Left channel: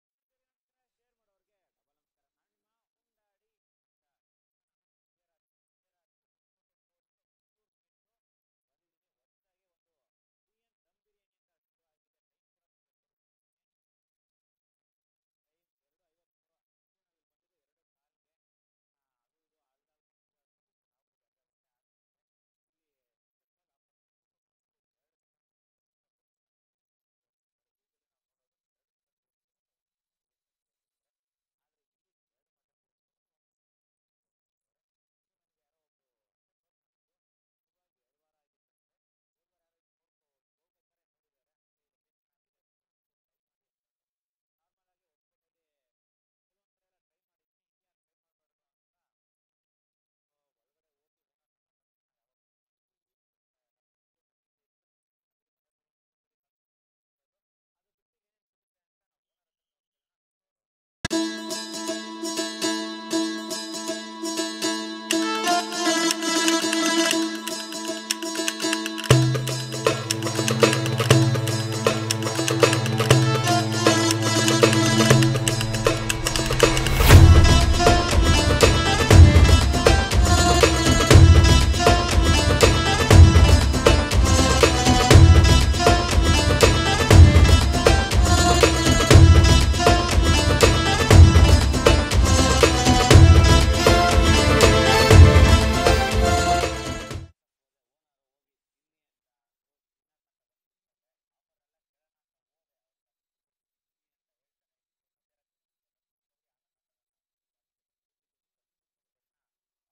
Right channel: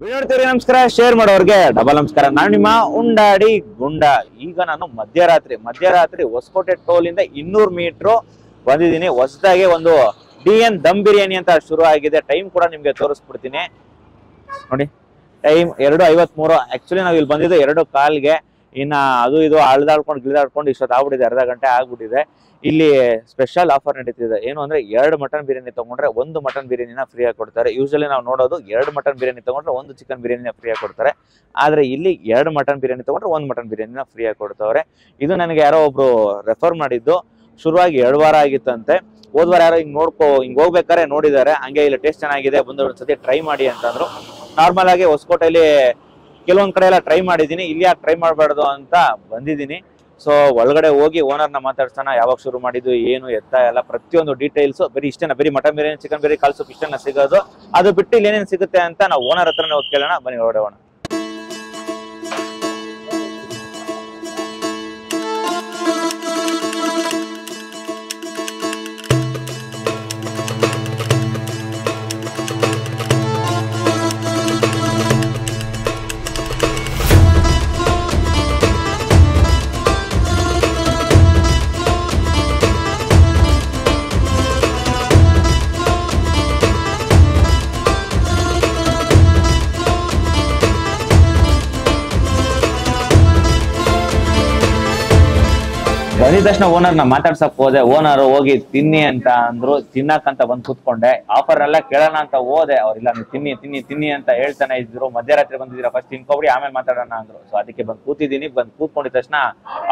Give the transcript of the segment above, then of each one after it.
Video ನೋಡ್ತೀರಿ, ನಮಸ್ಕಾರ. Share ಮಾಡೋರ್ಗೆ ಡಬಲ್ ನಮಸ್ಕಾರ. ನಾನು ನಿಮ್ಮ ಉಂಡಾಡಿ ಗುಂಡ. ಈಗ ನಾನು ಮಧ್ಯರಾತ್ರಿ ಹೊಸಕೋಟೆ ಟೋಲ್ ಇಂದ 200 ಮೀಟರ್ ಬಂದಿದ್ದೀನಿ. ಹೊಸದಾಗಿ ಒಂದು DN ದಮ್ ಬಿರಿಯಾನಿ ಅಂತ ಶುರು ಆಗಿದೆ. ಟೈಮ್ ಕೂಡ ನಿಮ್ಗೆ ತೋರಿಸ್ಬಿಡ್ತೀನಿ ನೋಡಿ. ಟೈಮ್ 2:53. ಆಕ್ಚುಲಿ ನಾವು ಇಲ್ಲಿ ಬಂದಿದ್ದು 2:15ಗೆ. ಇನ್ನ ಅದು ಇದು ಗಿಳಿದಾಡ್ಕೊಂಡು ಇಷ್ಟೊತ್ತು ಆಗ್ಬಿಟ್ಟಿದೆ, ಅರ್ಧ ಗಂಟೆ ಆಗ್ಬಿಟ್ಟಿದೆ. ಇಲ್ಲಿ ಸ್ಪೆಷಲ್ ಆಫರ್ ನಡೀತಿದೆ. ಏನು ಅಂದ್ರೆ 2 ಮಟನ್ ಬಿರಿಯಾನಿ ತಗೊಂಡ್ರೆ 1 ಮಟನ್ ಬಿರಿಯಾನಿನ ಫ್ರೀ ಆಗಿ ಕೊಡ್ತಾರೆ. ಯೂಶಲಿ ನಾವು ನೋಡೋದು 2 ಮಟನ್ ಬಿರಿಯಾನಿ ತಗೊಂಡ್ರೆ 1 ಚಿಕನ್ ಬಿರಿಯಾನಿನ ಫ್ರೀ ಆಗಿ ಕೊಡ್ತಾರೆ. ಆದ್ರೆ ಇಲ್ಲಿ 2 ಮಟನ್ ಬಿರಿಯಾನಿ ತಗೊಂಡ್ರೆ 1 ಮಟನ್ ಬಿರಿಯಾನಿನ ಫ್ರೀ ಆಗಿ ಕೊಡ್ತವ್ರೆ. ಇದು ನನಗೆ ಯಾರೋ ಒಬ್ರು ರೆಫರ್ ಮಾಡಿದ್ದು. ಶುರುವಾಗಿ 2 ವಾರ ಆಗಿತ್ತಂತೆ. ಹೋದ್ವಾರ ಯಾರೋ ಹಿಂಗ್ ಹೋಗ್ಬೇಕಾರೆ ನೋಡಿದ್ದಾರೆ. ಹಂಗೆ ಇಲ್ಲಿ ಟೇಸ್ಟ್ ಚೆನ್ನಾಗಿದೆ, ಬಂದು ಒಂದ್ಸತಿ ಟ್ರೈ ಮಾಡಿ ಅಂತಂದ್ರು. ನಾರ್ಮಲ್ ಆಗಿ ಹೊಸಕೋಟೆಯಲ್ಲಿ ಕೆಲವೊಂದ್ ಕಡೆ ಎಲ್ಲ ಟ್ರೈ ಮಾಡಿದೀನಿ, ಇಲ್ಲಿ ಯಾಕೆ ಟ್ರೈ ಮಾಡಬಾರ್ದು ಅಂತ ಬಂದಿದ್ದೀನಿ. ಸೊ ಒಳಗಡೆ ಹೋಗಿ ಓನರ್ನ ಮಾತಾಡ್ಸೋಣ. ಯಾವಾಗ ಶುರು ಮಾಡಿದ್ದು, ಏನು ಎತ್ತ ಎಲ್ಲ ಪ್ರತಿಯೊಂದು ಡೀಟೇಲ್ಸ್. ಬರೀ ಇಷ್ಟೇನ, ಬರೀ ಮಟನ್ ಬಿರಿಯಾನಿ, ಚಿಕನ್ ಬಿರಿಯಾನಿ, ಕಾಲ್ ಸೂಪ್ ಇಷ್ಟನ್ನ ಸಿಗೋದು? ಅದು ಬಿಟ್ಟು ಇಲ್ಲಿ ಏನೇನು ಸಿಗುತ್ತೆ ಅಂತ ನಾವು ಓನರ್ ಹತ್ರನೇ ಹೋಗಿ ಕೇಳೋಣ. ಬನ್ನಿ ಹೊರಡೋಣ. ತಕ್ಷಣ ಓನರ್ನ ಮಾತಾಡ್ಸಕ್ ಹೋದೆ. ಓನರ್ ಹೋಗಿ ತಿನ್ನಿ ಅಂತ ಅಂದ್ರು. ತಿನ್ನಕ್ಕಂತ ಬಂದ್ ಕೂತ್ಕೊಂಡೆ. ಆಫರ್ ಎಲ್ಲ ಕೇಳೋಣ ಅಂತ ಹೋದೆ. ಅವ್ರಿಲ್ಲ, ನೀವು ತಿನ್ನಿ ತಿನ್ನಿ ತಿನ್ನಿ ಅಂತ ಹೇಳ್ತಾನೆ ಇದ್ರು. ಮಧ್ಯರಾತ್ರಿ ಬಂದಿದ್ದೀರಾ, ಫಸ್ಟ್ ತಿನ್ಕೊಬಿಡಿ ಆಮೇಲೆ ಮಾತಾಡೋಣ ಅಂದ್ರು. ಸೊ ಅದಕ್ಕೆ ಬಂದ್ ಕೂತಿದ್ದೀನಿ. ಬಂದ್ ಕೂತ್ಕೊಂಡಿದ ತಕ್ಷಣ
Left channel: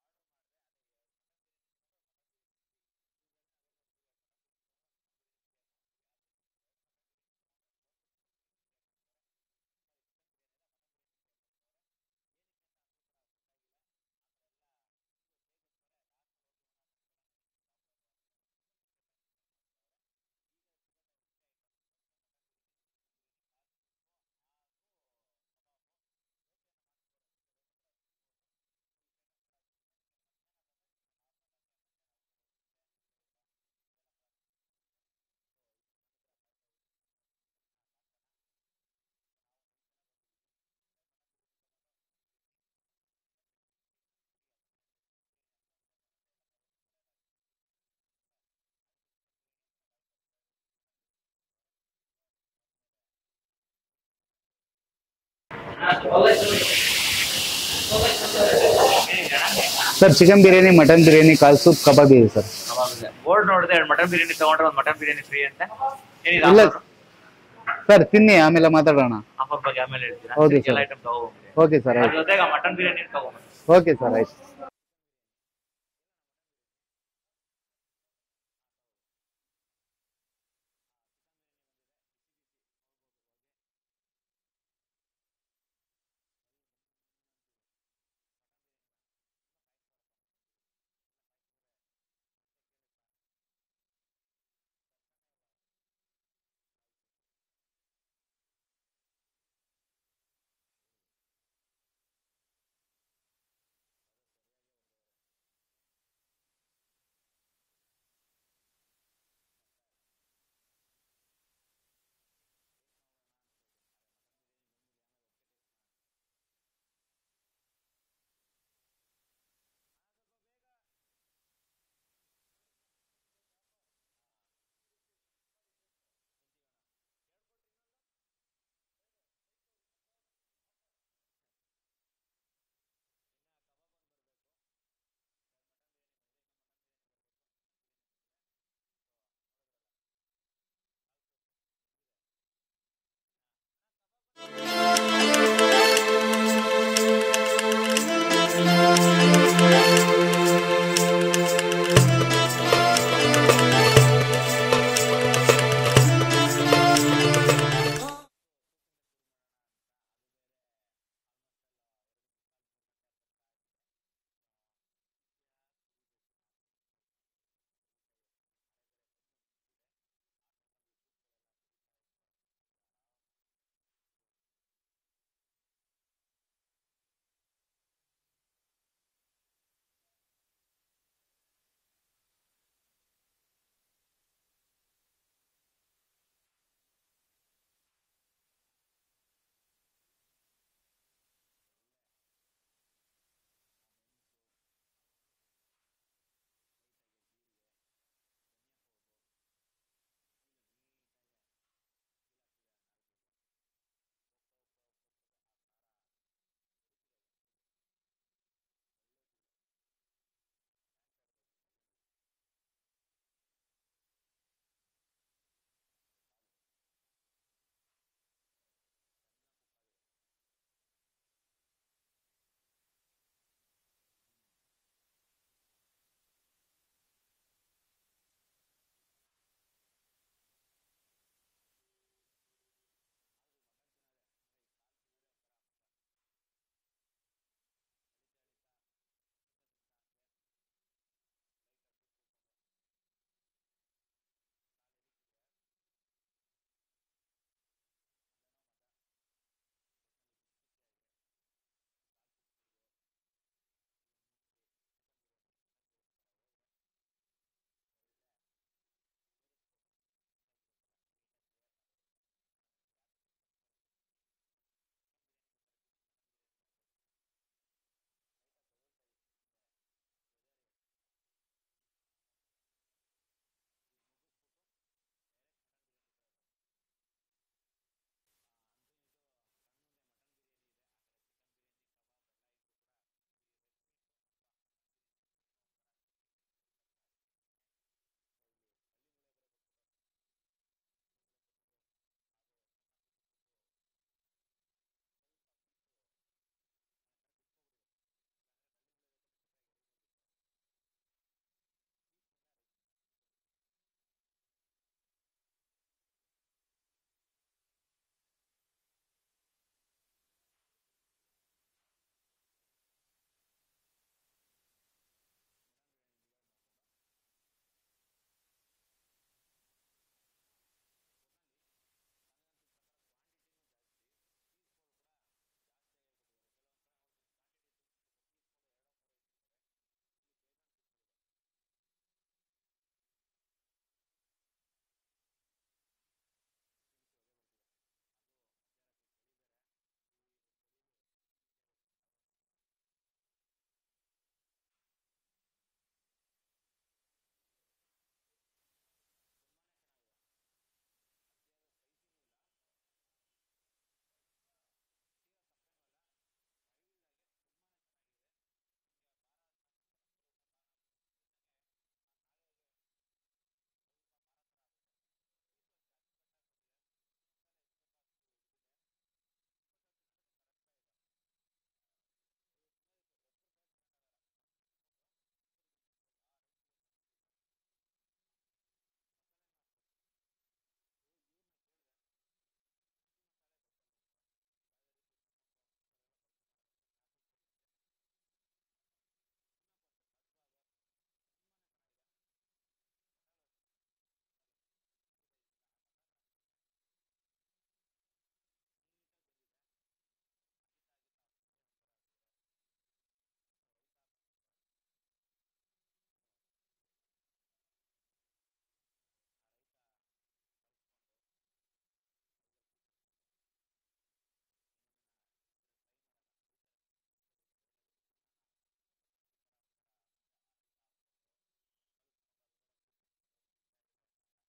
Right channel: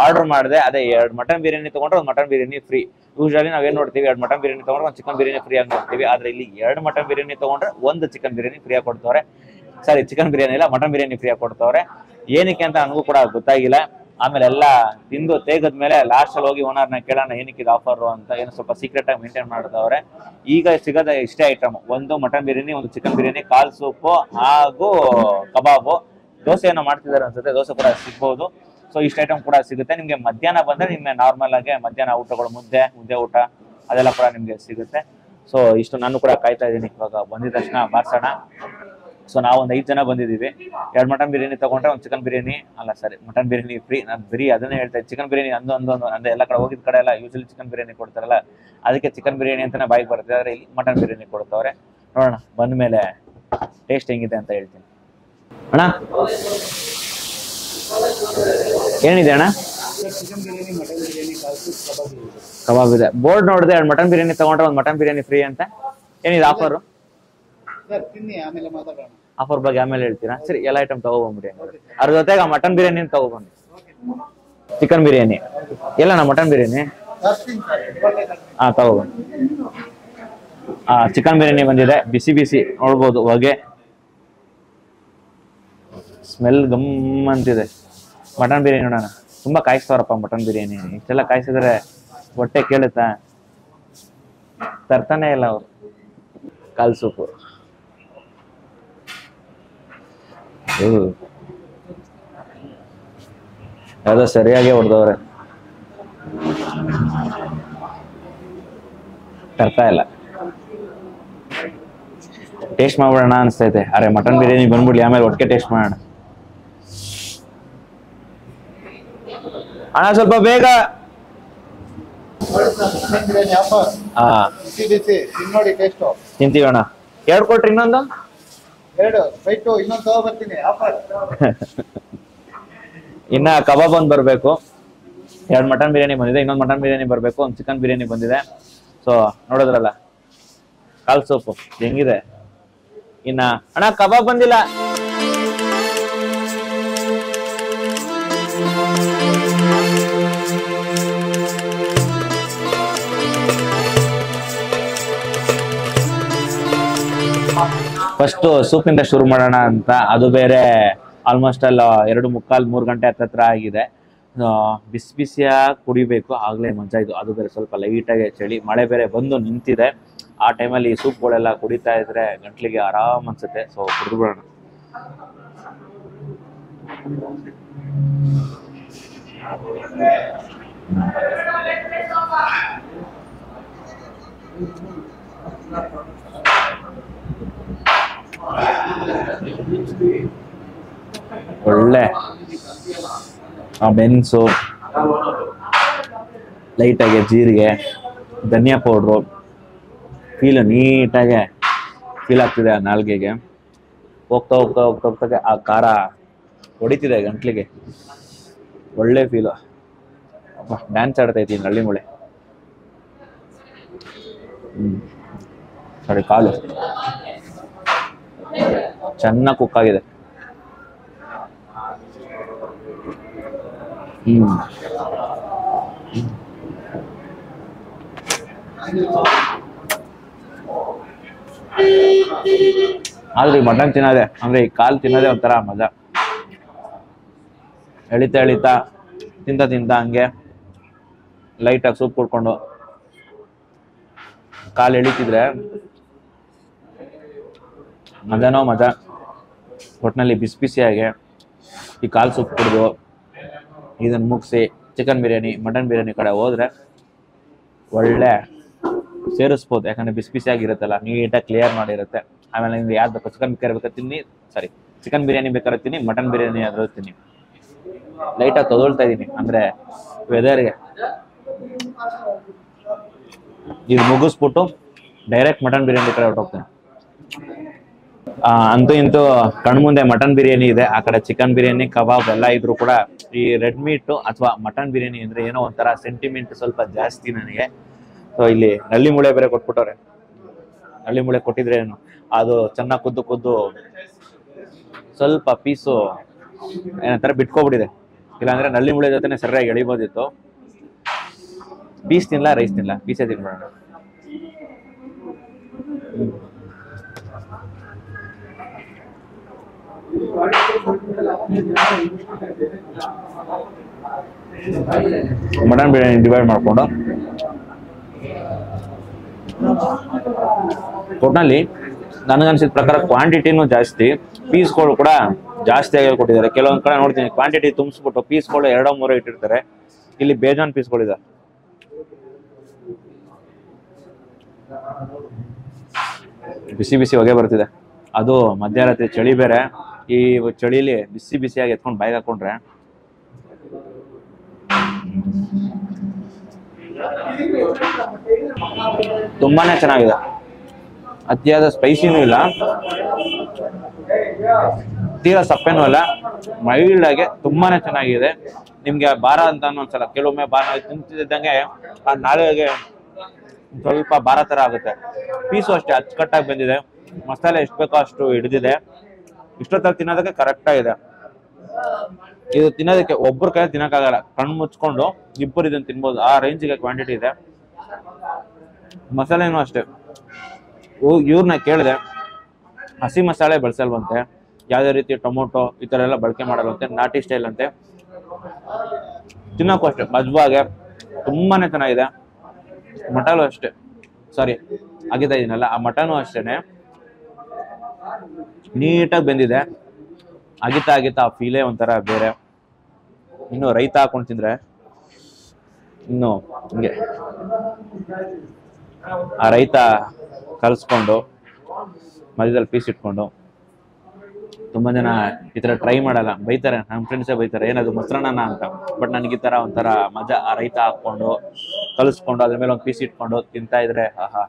ಆರ್ಡರ್ ಮಾಡಿದೆ. ಅದೇ 2 ಮಟನ್ ಬಿರಿಯಾನಿ ತಗೊಂಡ್ರೆ 1 ಮಟನ್ ಬಿರಿಯಾನಿ ಫ್ರೀ. ಯೂಶಲಿ ನಾವೇನ್ ನೋಡ್ತೀವಿ, 2 ಮಟನ್ ಬಿರಿಯಾನಿ ತಗೊಂಡ್ರೆ 1 ಚಿಕನ್ ಬಿರಿಯಾನಿ ಫ್ರೀ ಆಗಿ ನೋಡ್ತೀವಿ. ಆದ್ರೆ ಇಲ್ಲಿ 2 ಮಟನ್ ಬಿರಿಯಾನಿ ತಗೊಂಡ್ರೆ 1 ಚಿಕನ್ ಬಿರಿಯಾನಿ ಫ್ರೀ ಆಗಿ ಕೊಡ್ತವ್ರೆ. ಸಾರಿ, ಚಿಕನ್ ಬಿರಿಯಾನಿ ಇಲ್ಲ, ಮಟನ್ ಬಿರಿಯಾನಿ ಫ್ರೀ ಆಗಿ ಕೊಡ್ತವ್ರೆ. ಏನಕ್ಕೆ ಅಂತ ನನಗೂ ಕೂಡ ಗೊತ್ತಾಗಿಲ್ಲ. ಆಮೇಲೆ ಎಲ್ಲ ತಿಂದು ತೇಗದ್ಮೇಲೆ ಲಾಸ್ಟ್ ಅಲ್ಲಿ ಹೋಗಿ ಓನರ್ನ ಕೇಳೋಣ ಏನಕ್ಕಿದ ಆಫರ್ ಅಂತ. ಏನು ಸ್ವಲ್ಪ ಸೀಕ್ರೆಟ್ ಆಗಿ ಮೇಂಟೈನ್ ಮಾಡ್ತವ್ರೆ. ಈಗ ಸಿಗೋದ ಇಷ್ಟೇ item: 1 mutton biryani, 1 chicken biryani, ಕಾಲ್ ಸೂಪು ಹಾಗೂ ಕಬಾಬು. ದೋಸೆ ಏನೋ ಮಾಡ್ತಿದ್ದಾರೆ ಅನ್ಸುತ್ತೆ, ದೋಸೆ ಕೂಡ ಸಿಗ್ಬಹುದು. ಸೊ ಇಷ್ಟ ಐಟಮ್ ಕೂಡ ಸಿಗುತ್ತೆ ನಿಮ್ಗೆ. ಮಧ್ಯಾಹ್ನ ಬಂದ್ರೆ ನಿಮ್ಗೆ ನಾರ್ಮಲ್ ಆಗಿ ಮಧ್ಯಾಹ್ನ ಊಟಗಳು, ಮುದ್ದೆ ಊಟ ಅದೆಲ್ಲ ಕೂಡ ನಿಮ್ಗೆ ಸಿಗುತ್ತೆ. ಸೊ ಇಷ್ಟು ನಾನು ಕೂಡ ಕಾಯ್ತಾ ಇದ್ದೀನಿ. ಇವಾಗ ಬಂದಿದ ತಕ್ಷಣ ಬಾರ್ಸೋಣ. ಸೊ ನಾವು ಒಂದು 5 ಜನ ಬಂದಿದ್ದೀವಿ. 2 ಮಟನ್ ಬಿರಿಯಾನಿ ತಗೊಂಡ್ರೆ 1 ಚಿಕನ್ ಬಿರಿಯಾನಿ, ಅಲ್ಲ ಸಾರಿ, ಮಟನ್ ಬಿರಿಯಾನಿ ಫ್ರೀ. ನಾನು ಬರೀ ಅದನ್ನೇ ಹೇಳ್ತಾ ಇದ್ದೆ. ಚಿಕನ್ ಬಿರಿಯಾನಿ ಅಂದ್ರೆ ಎಲ್ಲ ಕಡೆ ಹೋಗಿದ ಕಡೆ ಎಲ್ಲ ಯೂಶಲಿ ಚಿಕನ್ ಬಿರಿಯಾನಿ ಕೊಡ್ತಾರಲ್ಲ, ಅದಕ್ಕೆ ಚಿಕನ್ ಬಿರಿಯಾನಿ ಅಂತಾನೆ ಬಾಯಿಗೆ ಬರುತ್ತೆ. ಆದ್ರೆ ಇಲ್ಲಿ ಮಟನ್ ಬಿರಿಯಾನಿ ಕೊಡ್ತವ್ರೆ. ನೋಡೋಣ ಬಂದ ಮೇಲೆ ಟೇಸ್ಟ್ ಹೆಂಗಿದೆ ಅಂತ ಹೇಳ್ತೀನಿ. ಅಣ್ಣ ಏನಿದೆ ಅಣ್ಣ? Sir, chicken biryani, mutton biryani, ಕಾಲ್ ಸೂಪ್, ಕಬಾಬ್ ಇದೆ ಸರ್. ಕಬಾಬ್ ಇದೆ. ಬೋರ್ಡ್ ನೋಡಿದೆ 2 ಮಟನ್ ಬಿರಿಯಾನಿ ತಗೊಂಡ್ರೆ 1 ಮಟನ್ ಬಿರಿಯಾನಿ ಫ್ರೀ ಅಂತ. ಏನಿದೆ ಆಫರ್? ಸರ್ ತಿನ್ನಿ, ಆಮೇಲೆ ಮಾತಾಡೋಣ. ಆಫರ್ ಬಗ್ಗೆ ಆಮೇಲೆ ಹೇಳ್ತೀರಾ? ಎಲ್ಲ ಐಟಮ್ ತಗೋಬಂದ್ಬಿಡಿ. Okay sir. ಅದ್ರ ಜೊತೆಗೆ ಮಟನ್ ಬಿರಿಯಾನಿ ತಗೋಬಂದು. ಓಕೆ ಸರ್, ಆಯ್ತು. ಚಿಕನ್ ಬಿರಿಯಾನಿ ಎಲ್ಲಣ್ಣ? ಮಟನ್ ಬಿರಿಯಾನಿ ತಗೋಬಂದು. ಚಿಕನ್ ಬಿರಿಯಾನಿ ಬಂದಿದೆ, ಬಿಸಿ ಬಿಸಿ ನೋಡ್ಬೋದು. ಹೊಗೆ ಸ್ಮೆಲ್ ಗಮ್ ಅಂತಿದೆ. ಮಟನ್ ಬಿರಿಯಾನಿ ನೋಡೋಣ. ತುಂಬಾ ಕಾಯಿಸ್ತವ್ರಪ್ಪ ಮಟನ್ ಬಿರಿಯಾನಿ. ಇಷ್ಟೆಲ್ಲ ಕಾಯಿಸಿದ್ರೆ ಹೊಟ್ಟೆ ಕೇಳುತ್ತಾ? ತರ್ತಾನೆ ಇಲ್ಲ ಅವ್ರು. ಕಾಲ್ ಸೂಪು ಯಾವುದೋ ಸರಿಯಾಗಿ ಹೊಡೆದವ್ರೆ, ತರ್ತಾ ಇಲ್ಲ. ಟೇಸ್ಟ್ ಮಾಡ್ಬಿಡೋಣ ಅನ್ಸ್ತೈತೆ. ಅರೆ ಮಟನ್ ಬಿರಿಯಾನಿ ಬಂದ್ಬಿಡ್ಲಿ, ಆಮೇಲೆ ಒಟ್ಟಿಗೆ ಟೇಸ್ಟ್ ಮಾಡೋಣ. ಅಣ್ಣ ಸ್ವಲ್ಪ ಬೇಗ. ತಿಂತೀವಿ ಅಣ್ಣ. 2 ಕೊಟ್ರಿ, ಇನ್ನೊಂದು 2 ಇನ್ನೊಂದು ತಗೋಬರ್ತೀನಿ. ಇನ್ನ ಕಬಾಬ್ ಒಂದು ಬರ್ಬೇಕು. 2 ಮಟನ್ ಬಿರಿಯಾನಿ ಬಂದಿದೆ, ಇನ್ನೊಂದು ಮಟನ್ ಬಿರಿಯಾನಿ ಬರ್ಬೇಕು, 1 ಚಿಕನ್ ಬಿರಿಯಾನಿ ಬಂದಿದೆ. ಸೊ ನೋಡಿದ್ರಲ್ಲ ಕಾಲ್ ಸೂಪು ಹೆಂಗಿದೆ. ಇನ್ನ ಅಣ್ಣ ಕಬಾಬ್ ಬಂದಿಲ್ಲ. ಫಸ್ಟ್ ಸೂಪಿಂದ ಶುರು ಮಾಡೋಣ ಅಂತ. ಅದು ಬೇರೆ ಆಲ್ಮೋಸ್ಟ್ ಅಲ್ಲ 2:45-3 ಗಂಟೆ ಹತ್ರ ಆಗಿದೆ. ಬಿಸಿ ಬಿಸಿಯಾಗಿ ಕುಡಿಬೇಕು, ಆಗ್ಲೇ ಮಜಾ ಇದು. ಅದು ಬೇರೆ ಸ್ವಲ್ಪ ಲೈಟಾಗಿ ಚಳಿ, ಮಳೆ ಬೇರೆ ಬಂದು ನಿಂತಿದೆ. ಆ ಟೈಮಲ್ಲಿ ಈ ಸೂಪ್ಗಳೆಲ್ಲ ಕುಡಿತಾ ಇದ್ರೆ ಗಂಟ್ಲಿಗೆ ಆರಾಮ್ ಅನ್ಸುತ್ತೆ. ಸೊ ಕುಡಿದ್ಬಿಡೋಣ. ಒಳ್ಳೆ ಆ ಮೆಣಸು, ಲೈಟಾಗಿ ಜೀರಿಗೆ, ಧನಿಯಾ ಪೌಡ್ರು, ಫೀಲ್ ನೀಟಾಗೆ ಫೀಲ್ ಆಗ್ತಿದೆ ಆ ನಾಲ್ಗೆಗೆ. ಹೋಗ್ತಾ ಹೋಗ್ತಾ ಹೋಗ್ತಾ ಹೋಗ್ತಾಗೆ ಆ ಖಾರ ಹೊಡಿತಿದೆ ಗಂಟ್ಲಿಗೆ. ಒಳ್ಳೆ ಫೀಲು. ಡ್ಯಾನ್ಸ್ ಆಡ್ತಾ ಇದ್ದೀನಿ ನಳ್ಳಿ ಮೂಳೆ. ಸರಿ, ಕಾಲು ಚೆನ್ನಾಗಿ ಕುಕ್ ಆಗಿದೆ. ಆದ್ರೆ ಈ ಮಟನ್ ತಿನ್ನೋದೆ ಅಂದ್ರೆ ಈ ಕಾಲು ತಿನ್ನೋದೇ ಒಂಥರ ಮಜಾ. ಎಳಿತಾ ಎಳಿತಾ ತಿಂತ ತಿಂತ ಹಂಗೆ ಲೈಟಾಗಿ ಸೂಪ್ ಕುಡ್ಕೊಂಡು ಕಾಲು ಎಳಿತಿದ್ರೆ ಮಜಾನೋ ಮಜಾ. ಒಟ್ಟಿನಲ್ಲಿ ಬಿಸಿ ಬಿಸಿಯಾಗೆ ಈ ಕಾಲು ಸೂಪ್ ಕುಡಿದು ಇದನ್ನು ಮುಗಿಸಿ ಚಿಕನ್ ಬಿರಿಯಾನಿ, ಮಟನ್ ಬಿರಿಯಾನಿ ಕಡೆ ಹೋದ್ರೆ ಒಳ್ಳೆ ಸೇರಿಸ್ಬೋದು. ಯಾಕಂದ್ರೆ ಬಿಸಿ ಬಿಸಿಯಾಗಿರುತ್ತಲ್ಲ, ನೀಟಾಗಿ ಕ್ಲಿಯರ್ ಮಾಡಿರುತ್ತೆ. ಆಮೇಲೆ ನಿಮ್ಗೆ ಯಾವ್ದು ಬೇಕು, ಚಿಕನ್ ಬೇಕಾದ್ರೆ ಬೇಕಾದ್ರೆ ತಿನ್ನಿ, ಸಾರಿ ಚಿಕನ್ ಬಿರಿಯಾನಿ ಬೇಕಾದ್ರೆ ತಿನ್ನಿ, ಮಟನ್ ಬಿರಿಯಾನಿ ಆದ್ರೂ ತಿನ್ನಿ. ಲೈಟಾಗಿ ತೊಗೊಳ್ತಾ ಇದ್ದೀನಿ ಅಂದ್ರೆ ವೆದರ್ಗೆ. ಇದು ಮುಗಿಸ್ಬಿಟ್ಟು ಡೈರೆಕ್ಟ್ ಮಟನ್ ಬಿರಿಯಾನಿ ಕಡೆ ಹೊರಟೋಗ್ತೀನಿ. ಅಂತೂ ಇಂತೂ ಕಣ್ಮುಂದೆ ಮಟನ್ ಬಿರಿಯಾನಿ ಇದೆ, ಆ ಕಡೆ ಚಿಕನ್ ಬಿರಿಯಾನಿ, ಕಬಾಬ್ ಎಲ್ಲ ಇದ್ರು ಕೂಡ ಈ ರೆಡ್ ಮೀಟ್ ಅಥವಾ ಮಟನ್ ಬಿರಿಯಾನಿ ಅಂದ್ರೆ ಏನೋ ಒಂಥರ ಸೆಂಟಿಮೆಂಟ್ ಸ್ವಲ್ಪ ಜಾಸ್ತಿ ನನಗೆ. ಸೊ ಇಲ್ಲಿ ನಳ್ಳಿ ಮೂಳೆ ಬೇರೆ ಕೊಟ್ಬಿಟ್ಟವ್ರೆ. ನಳ್ಳಿ ಮೂಳೆ ಕೊಟ್ಟಿದ್ರೆ ಏನು ಅದು ಚೆನ್ನಾಗಿ ಕುದ್ದು ಕುದ್ದು ಸ್ವಲ್ಪ ಪೀಸು ಏನಂತಾರೆ ಬಿಟ್ಕೊಬಿಟ್ಟಿದೆ. ಇಲ್ಲಾಂದ್ರೆ ನಳ್ಳಿ ಮೂಳೆ ಜೊತೆನೆ ಸರಿಯಾಗಿ ಎಳಿಬೋದಿತ್ತು. ಪೀಸ್ ತಿನ್ಲ, ರೈಸ್ ತಿನ್ಲ, ಪೀಸೇ ತಿನ್ಬೇಡ. ಮಟನ್ ಬಿರಿಯಾನಿ ಡಿವೈಡ್ ಮಾಡ್ಕೊಂಡು ಒಟ್ನಲ್ಲಿ ನನಗನ್ಸಿದ ಪ್ರಕಾರ ಕ್ವಾಂಟಿಟಿನೂ ಜಾಸ್ತಿ, ಪೀಸ್ಗಳು ಕೂಡ ಜಾಸ್ತಿ ಆಗಿ ಕೊಟ್ಟಿದ್ದಾರೆ. ಕೆಲವೊಂದ್ ಕಡೆ ನೋಡ್ತೀನಿ ಕ್ವಾಂಟಿಟಿ ತುಂಬಿಸ್ಬಿಟ್ಟು ಪೀಸ್ಗಳು 2-3 ಇಟ್ಟಿರ್ತಾರೆ. ಇಲ್ಲಿ ಬೇಜಾನ್ ಪೀಸ್ಗಳಿದೆ. ಬಿಸಿ ಬಿಸಿ ಹೊಗೆ ಬರ್ತಿದೆ. ಅದು ಮಧ್ಯರಾತ್ರಿ ಚಳಿ ಬೇರೆ. ಈ ಚಳಿಲಿ ಬಿಸಿ ಬಿಸಿಯಾಗಿ ಎತ್ಕೊಂಡು ಬಾಯಿಗೆ ಹಾಕೊಂಡ್ರೆ ತುಂಬಾನೇ ಚೆನ್ನಾಗಿದೆ. ಅತಿಯಾದ ಸ್ಪೈಸಿನೂ ಇಲ್ಲ, ತೀರಾ ಸಪ್ಪೆನೂ ಇಲ್ಲ, ಮೈಲ್ಡ್ ಆಗಿ ತುಂಬಾನೇ ಚೆನ್ನಾಗಿದೆ. ನಿಮ್ಗೆ ಭಾರ ಅಂತ ಅನ್ಸಲ್ಲ. ಕೆಲವೊಮ್ಮೆ ಭಾರ ತಿಂತಿದ್ದಂಗೆ ಆ ನಾಳೆಗೆ ಸ್ವಲ್ಪ ಭಾರ ತರ ಆಗುತ್ತೆ. ಪೀಸು ಅಷ್ಟೇ ಅಚ್ಚುಕಟ್ಟಾಗಿ ಬಂದಿದೆ. ಮಸಾಲೆ ಎಷ್ಟು ಬೇಕೋ ಅಷ್ಟು ಹಿಡಿದಿದೆ. ಇಷ್ಟೊತ್ತಲ್ಲಿ ತಿನ್ನೋದಕ್ಕೆ ಕರೆಕ್ಟ್ ಆಗಿದೆ. ಇದು ತಿನ್ನೋದಕ್ಕೆ ಒಬ್ಬರ ಕೈ ತಿನ್ನಕ್ಕಾಗಲ್ಲ. ಕಣ್ಣು ಮುಚ್ಕೊಂಡು ಇಬ್ಬರು ಇದನ್ನ ತಿನ್ಬೋದು, ಆ ರೇಂಜಿಗೆ ಕ್ವಾಂಟಿಟಿ ಇದೆ. ಮಸಾಲೆನೂ ಅಷ್ಟೇ. ಇವ್ರನ್ನ ಕೇಳಿದೆ, ಹಸಿ ಮಸಾಲೆ ಬಳಸಲ್ವಂತೆ, ಯಾವುದೇ ರೀತಿ ಟೊಮೊಟೊ ಈ ಥರ ಎಲ್ಲ ಬಳಕೆ ಮಾಡಲ್ವಂತೆ, ನಾಟಿ ಸ್ಟೈಲ್ ಅಂತೆ. ತಿನ್ನೋಕ್ಕೂ ಅಷ್ಟೇ ಮಜ್ವಾಗೆ ತುಂಬಾನೇ ಚೆನ್ನಾಗಿದೆ. ಮಟನು ಅಷ್ಟೇ, ಸಾರಿ ಆಗಿತಾ ಇದೀನಲ್ಲ, ಆ ಮಟನು ಅಷ್ಟೇನೆ ನೀಟಾಗಿ ಬೆಂದಿದೆ. ಅಗಿತಾ ಅಗಿತಾ ಆ ಫೀಲೇ ಒಂಥರ ಬೇರೆ. ಇನ್ನು ರೈತ ಹಾಕೊಂಡು ತಿಂದ್ರೆ ಇನ್ನು ಹಿಂಗೆ ಆ ರೈತ ಕಲ್ಸ್ಕೊಂಡು ಮಧ್ಯದಲ್ಲಿ ಪೀಸ್ ಇಟ್ಕೊಂಡು. ತುಂಬಾ ಜನ ಈ ತರ ಟ್ರೈ ಮಾಡಲ್ಲ, ಬೈತಾರೆ. ನಮ್ಮ ಫ್ರೆಂಡ್ಸೇ ಬೈತಾರೆ, ಏನದು ಮೊಸರನ್ನ ಅಂತ. ಬಟ್ ನನಗೆ ಈ ತರ ಒಂಥರ ಮಜಾ. ಆ ರೈತ ಹಾಕೊಂಡು ಕಲಿಸ್ಕೊಂಡು ಅದ್ರ ಮೇಲೆ ಒಂದು ಪೀಸ್ ಇಟ್ಕೊಂಡು ತಿಂತಾ ಇದ್ರೆ ಆಹಾ.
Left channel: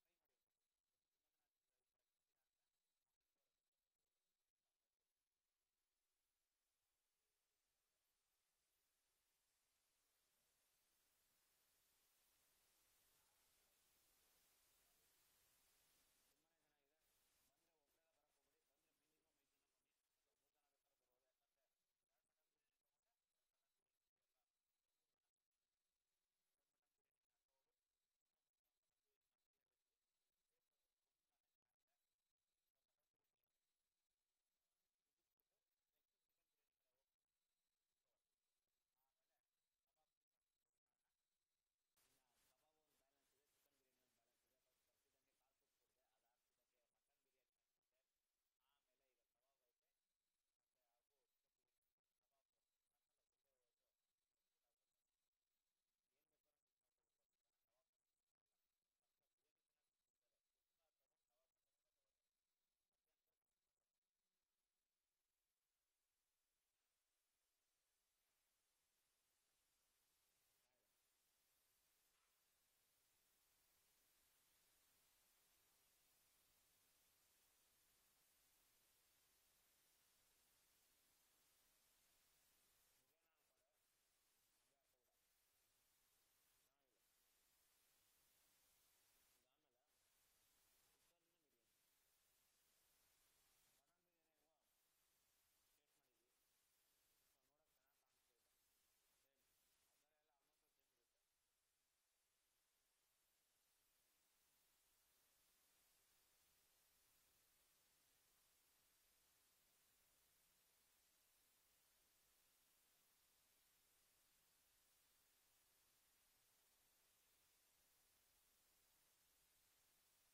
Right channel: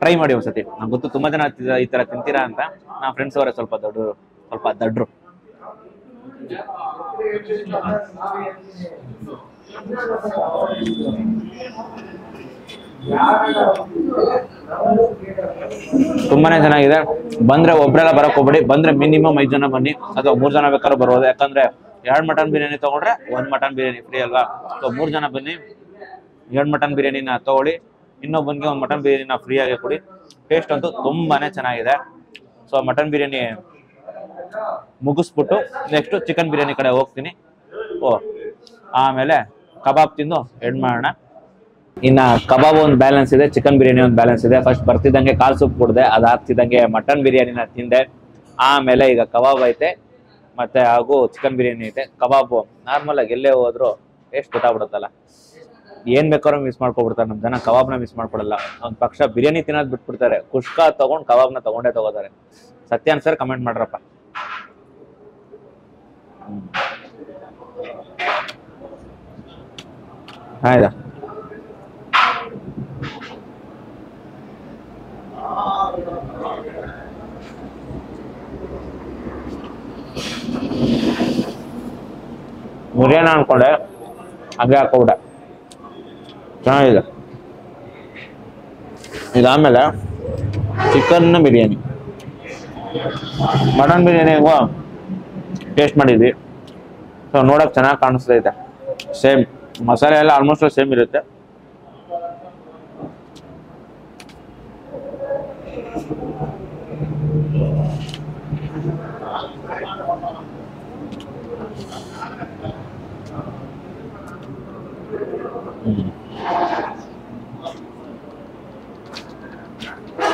ಟ್ರೈ ಮಾಡಿ ಒಂದ್ಸತಿ. ನಂಗೆ ಗೊತ್ತು ತುಂಬಾ ಜನ ಈ ತರ ತಿಂತೀರಾ ಅಂತ. ನಮ್ಮ ಫ್ರೆಂಡ್ಸ್ ಅವರೇ ಸ್ವಲ್ಪ ದಡ್ರು. ತುಂಬಾನೇ ಚೆನ್ನಾಗಿದೆ. ಬಂದ್ರೆ ಒಬ್ರೆಲ್ಲ ಬರಕ್ ಹೋಗ್ಬೇಡಿ. ಬಂದ್ರೆ ಮಿನಿಮಮ್ 5 ಜನ ಬನ್ನಿ, ಅಥವಾ 3 ಜನ ಬೇಕಾದ್ರೂ ಬರ್ಬೋದು. ಯಾಕಂದ್ರೆ 2 ಮಟನ್ ಬಿರಿಯಾನಿ ತಗೊಂಡ್ರೆ 1 ಮಟನ್ ಬಿರಿಯಾನಿ ಫ್ರೀ ಅಲ್ವಾ. ಸೊ 3 ಜನ ಬನ್ನಿ, 2 ಮಟನ್ ಬಿರಿಯಾನಿನ ತಗೊಳ್ಳಿ, ಇನ್ನೊಬ್ಬನಿಗೆ 1 ಮಟನ್ ಬಿರಿಯಾನಿನ ಫ್ರೀ ಆಗಿ ಕೊಡಿ. ಟೇಸ್ಟ್ ಅಂತೂ ತುಂಬಾನೇ ಚೆನ್ನಾಗಿದೆ. ಸೊ ಮಟನ್ ಬಿರಿಯಾನಿ ಮುಗಿಸ್ಬಿಟ್ಟು ನೆಕ್ಸ್ಟ್ ಚಿಕನ್ ಬಿರಿಯಾನಿ ಕಡೆ ಹೋಗ್ತೀನಿ. ಆಮೇಲೆ ಕಬಾಬ್ ತಿಂದು ಎಂಡ್ ಮಾಡೋಣ. ಇನ್ನ ಕಬಾಬ್ ಒಂದು ಬ್ಯಾಲೆನ್ಸ್ ಇದೆ, ಚಿಕನ್ ಬಿರಿಯಾನಿ ಒಂದು ಬ್ಯಾಲೆನ್ಸ್ ಇದೆ. ಫಸ್ಟ್ ಬರ್ತಿದ್ದಂಗೆ ಕಾಲ್ ಸೂಪ್ ಕುಡ್ದೆ, ಅದಾಗ್ತಿದ್ದಂಗೆ ಮಟನ್ ಬಿರಿಯಾನಿನ ತಿಂದೆ. ಆಮೇಲೆ ಈಗ ಕಬಾಬ್ ಐತೆ ಮತ್ತೆ ಹಾಗೂ ಚಿಕನ್ ಬಿರಿಯಾನಿ ಐತೆ. ಕಬಾಬು ನಾರ್ಮಲ್ ಆಗಿ ಎಲ್ಲೇ ಹೋದ್ರು ಟೇಸ್ಟ್ ಗೊತ್ತಾಗ್ಬಿಡುತ್ತಲ್ಲ. ಏನ್ ಬೇಕಾದ್ರೂ ಮಿಸ್ ಮಾಡ್ಕೊಬಿಡ್ತಾರೆ ನಮ್ ಜನ, ಕಬಾಬ್ನ ಮಿಸ್ ಮಾಡ್ಕೊಡಲ್ಲ. ಒಂದ್ ಪಕ್ಷ ಬಿರಿಯಾನಿ ತಿನ್ನೋದ್ ಬಿಟ್ಬಿಡ್ತಾರೆ, ಕುಷ್ಕಾ ತಗೊಂಡ್ ಕಬಾಬ್ನ ತಗೊಂಡೇ ತಗೋತಾರೆ. ಸತ್ಯ ಅನ್ಸರ್ ಕಮೆಂಟ್ ಮಾಡ್ರಪ್ಪ. ಆಯ್ತಾ ಮುರಿಯೋಣ ಅನ್ಕೊಂಡೆ ಹಂಗೆ ಹಾಕೋಬಿಟ್ಟೆ ಚೆನ್ನಾಗಿದೆ ಇದಾದ್ಮೇಲೆ ಚಿಕನ್ ಬಿರಿಯಾನಿ ಮಟನ್ ಬಿರಿಯಾನಿ ಹೆಂಗೋ ಟೇಸ್ಟ್ ಮಾಡಿದ್ವಿ ಸೊ ನೋಡಕ್ ಚೆನ್ನಾಗಿ ಕಾಣಿಸ್ತೈತೆ ಸೇಮ್ ಮಸಾಲೆ ಎಲ್ಲ ಆಲ್ಮೋಸ್ಟ್ ಸೇಮ್ ಇರುತ್ತೆ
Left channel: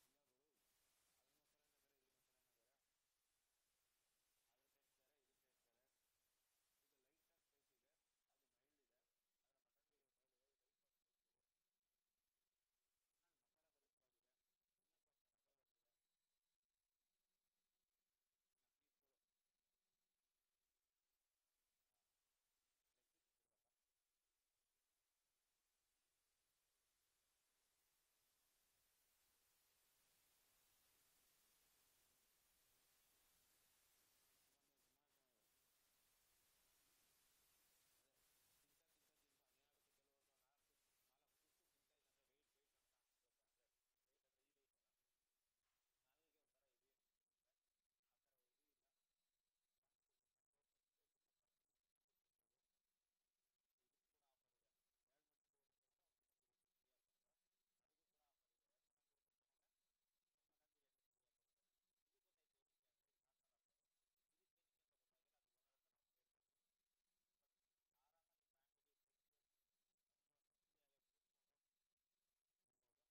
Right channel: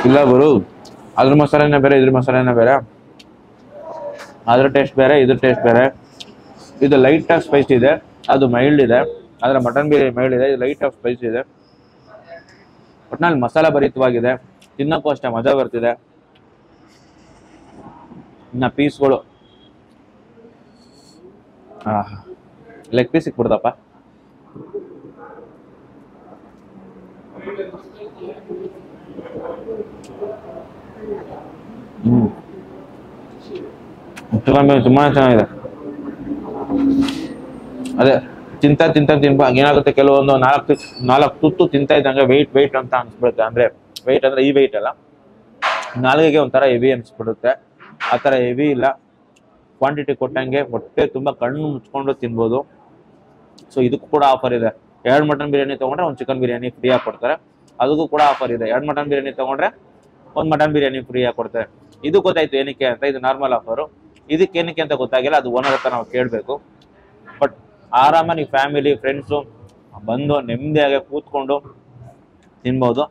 ಇಲ್ಲ ಗುರು ಅದ್ರ ಮಸಾಲೆನೇ ಬೇರೆ ಇದ್ರ ಮಸಾಲೆನೇ ಬೇರೆ ಅದ್ರ ಟೇಸ್ಟ್ ಬೇರೆ ಇದ್ರ ಟೇಸ್ಟ್ ಬೇರೆ ಇದು ಲೈಟ್ ಆಗಿ ಸ್ಪೈಸ್ ಇದೆ ಅದು ಮೈಲ್ಡ್ ಇದೆ ಆದ್ರೆ ಮಟನ್ ಬಿರಿಯಾನಿ ಮೈಲ್ಡ್ ಇದೆ ಇದು ಲೈಟ್ ಆಗಿ ಸ್ಪೈಸ್ ಇದೆ ಒಟ್ನಲ್ಲಿ ಮಸಾಲೆ ಭರಿತವಾಗಿದೆ ತಿನ್ನಕ್ಕೂ ಅಷ್ಟೇ ಮಜಾ ಬರ್ತಿದೆ ಇನ್ನ ಪೀಸ್ಗಳು ಲೆಗ್ ಪೀಸ್ ಸಿಕ್ಬಿಡ್ತಪ್ಪ ತುಂಬಾ ಚೆನ್ನಾಗಿದೆ ಅದೇ ತಿಂತ ಏನಾಗುತ್ತೆ ಕೆಲವೊಂದು ನಾಲ್ಕು ತುತ್ತು ತಿಂತಾ ಇದ್ದಂಗೆ ವೆಯ್ಟ್ ಅಂತ ಅನ್ಸ್ಬಿಡುತ್ತೆ ಅಂದ್ರೆ ವೆಯ್ಟ್ ಅಂದ್ರೆ ಈ ವೆಯ್ಟ್ ಅಲ್ಲ ನಾಲ್ಗೆಗೆ ಒಂಥರ ಹೆವಿ ಅನ್ಸ್ಬಿಡುತ್ತೆ ಆ ಥರ ಹೆವಿ ಇಲ್ಲ ಕ್ವಾಂಟಿಟಿ ಕೊಟ್ಟಂಗೆ ಹೊಟ್ಟೆ ತುಂಬಾ ಕಣ್ಣು ಮುಚ್ಕೊಂಡು ತಿನ್ಬೋದು ಸೊ ಇದಕ್ಕೂ ಕೂಡ ಆಫರ್ ಇದೆ 2 ಮಟನ್ ಬಿರಿಯಾನಿ ತಗೊಂಡ್ರೆ 1 ಚಿಕನ್ ಬಿರಿಯಾನಿ ಫ್ರೀ ಆಗಿ ಕೊಡ್ತಾರೆ ಅದಕ್ಕೂ ಕೂಡ ಆಫರ್ ಇದೆ 2 ಮಟನ್ ಬಿರಿಯಾನಿ ತಗೊಂಡ್ರೆ 1 ಮಟನ್ ಬಿರಿಯಾನಿ ಫ್ರೀ ಆಗಿ ಕೊಡ್ತಾರೆ ಇದು ಗೊತ್ತಾಯ್ತು ಏನಕ್ಕೆ ಅಂತ ಇದು ನಾರ್ಮಲ್ ಆಫರು ಇದಕ್ಕೆ ಏನಕ್ಕೆ ಅಂತ ಗೊತ್ತಾಗಿಲ್ಲ ಅದು ಓನರ್ ಹತ್ರ ನಾವು ಕೇಳಬೇಕು ಬಟ್ ಆರಾಮ ನೀವು ಫ್ಯಾಮಿಲಿ ಫ್ರೆಂಡ್ಸು ಬಂದು ನೆಮ್ಮದಿಯಾಗಿ ಕೂತ್ಕೊಂಡು ತಿನ್ಬೋದು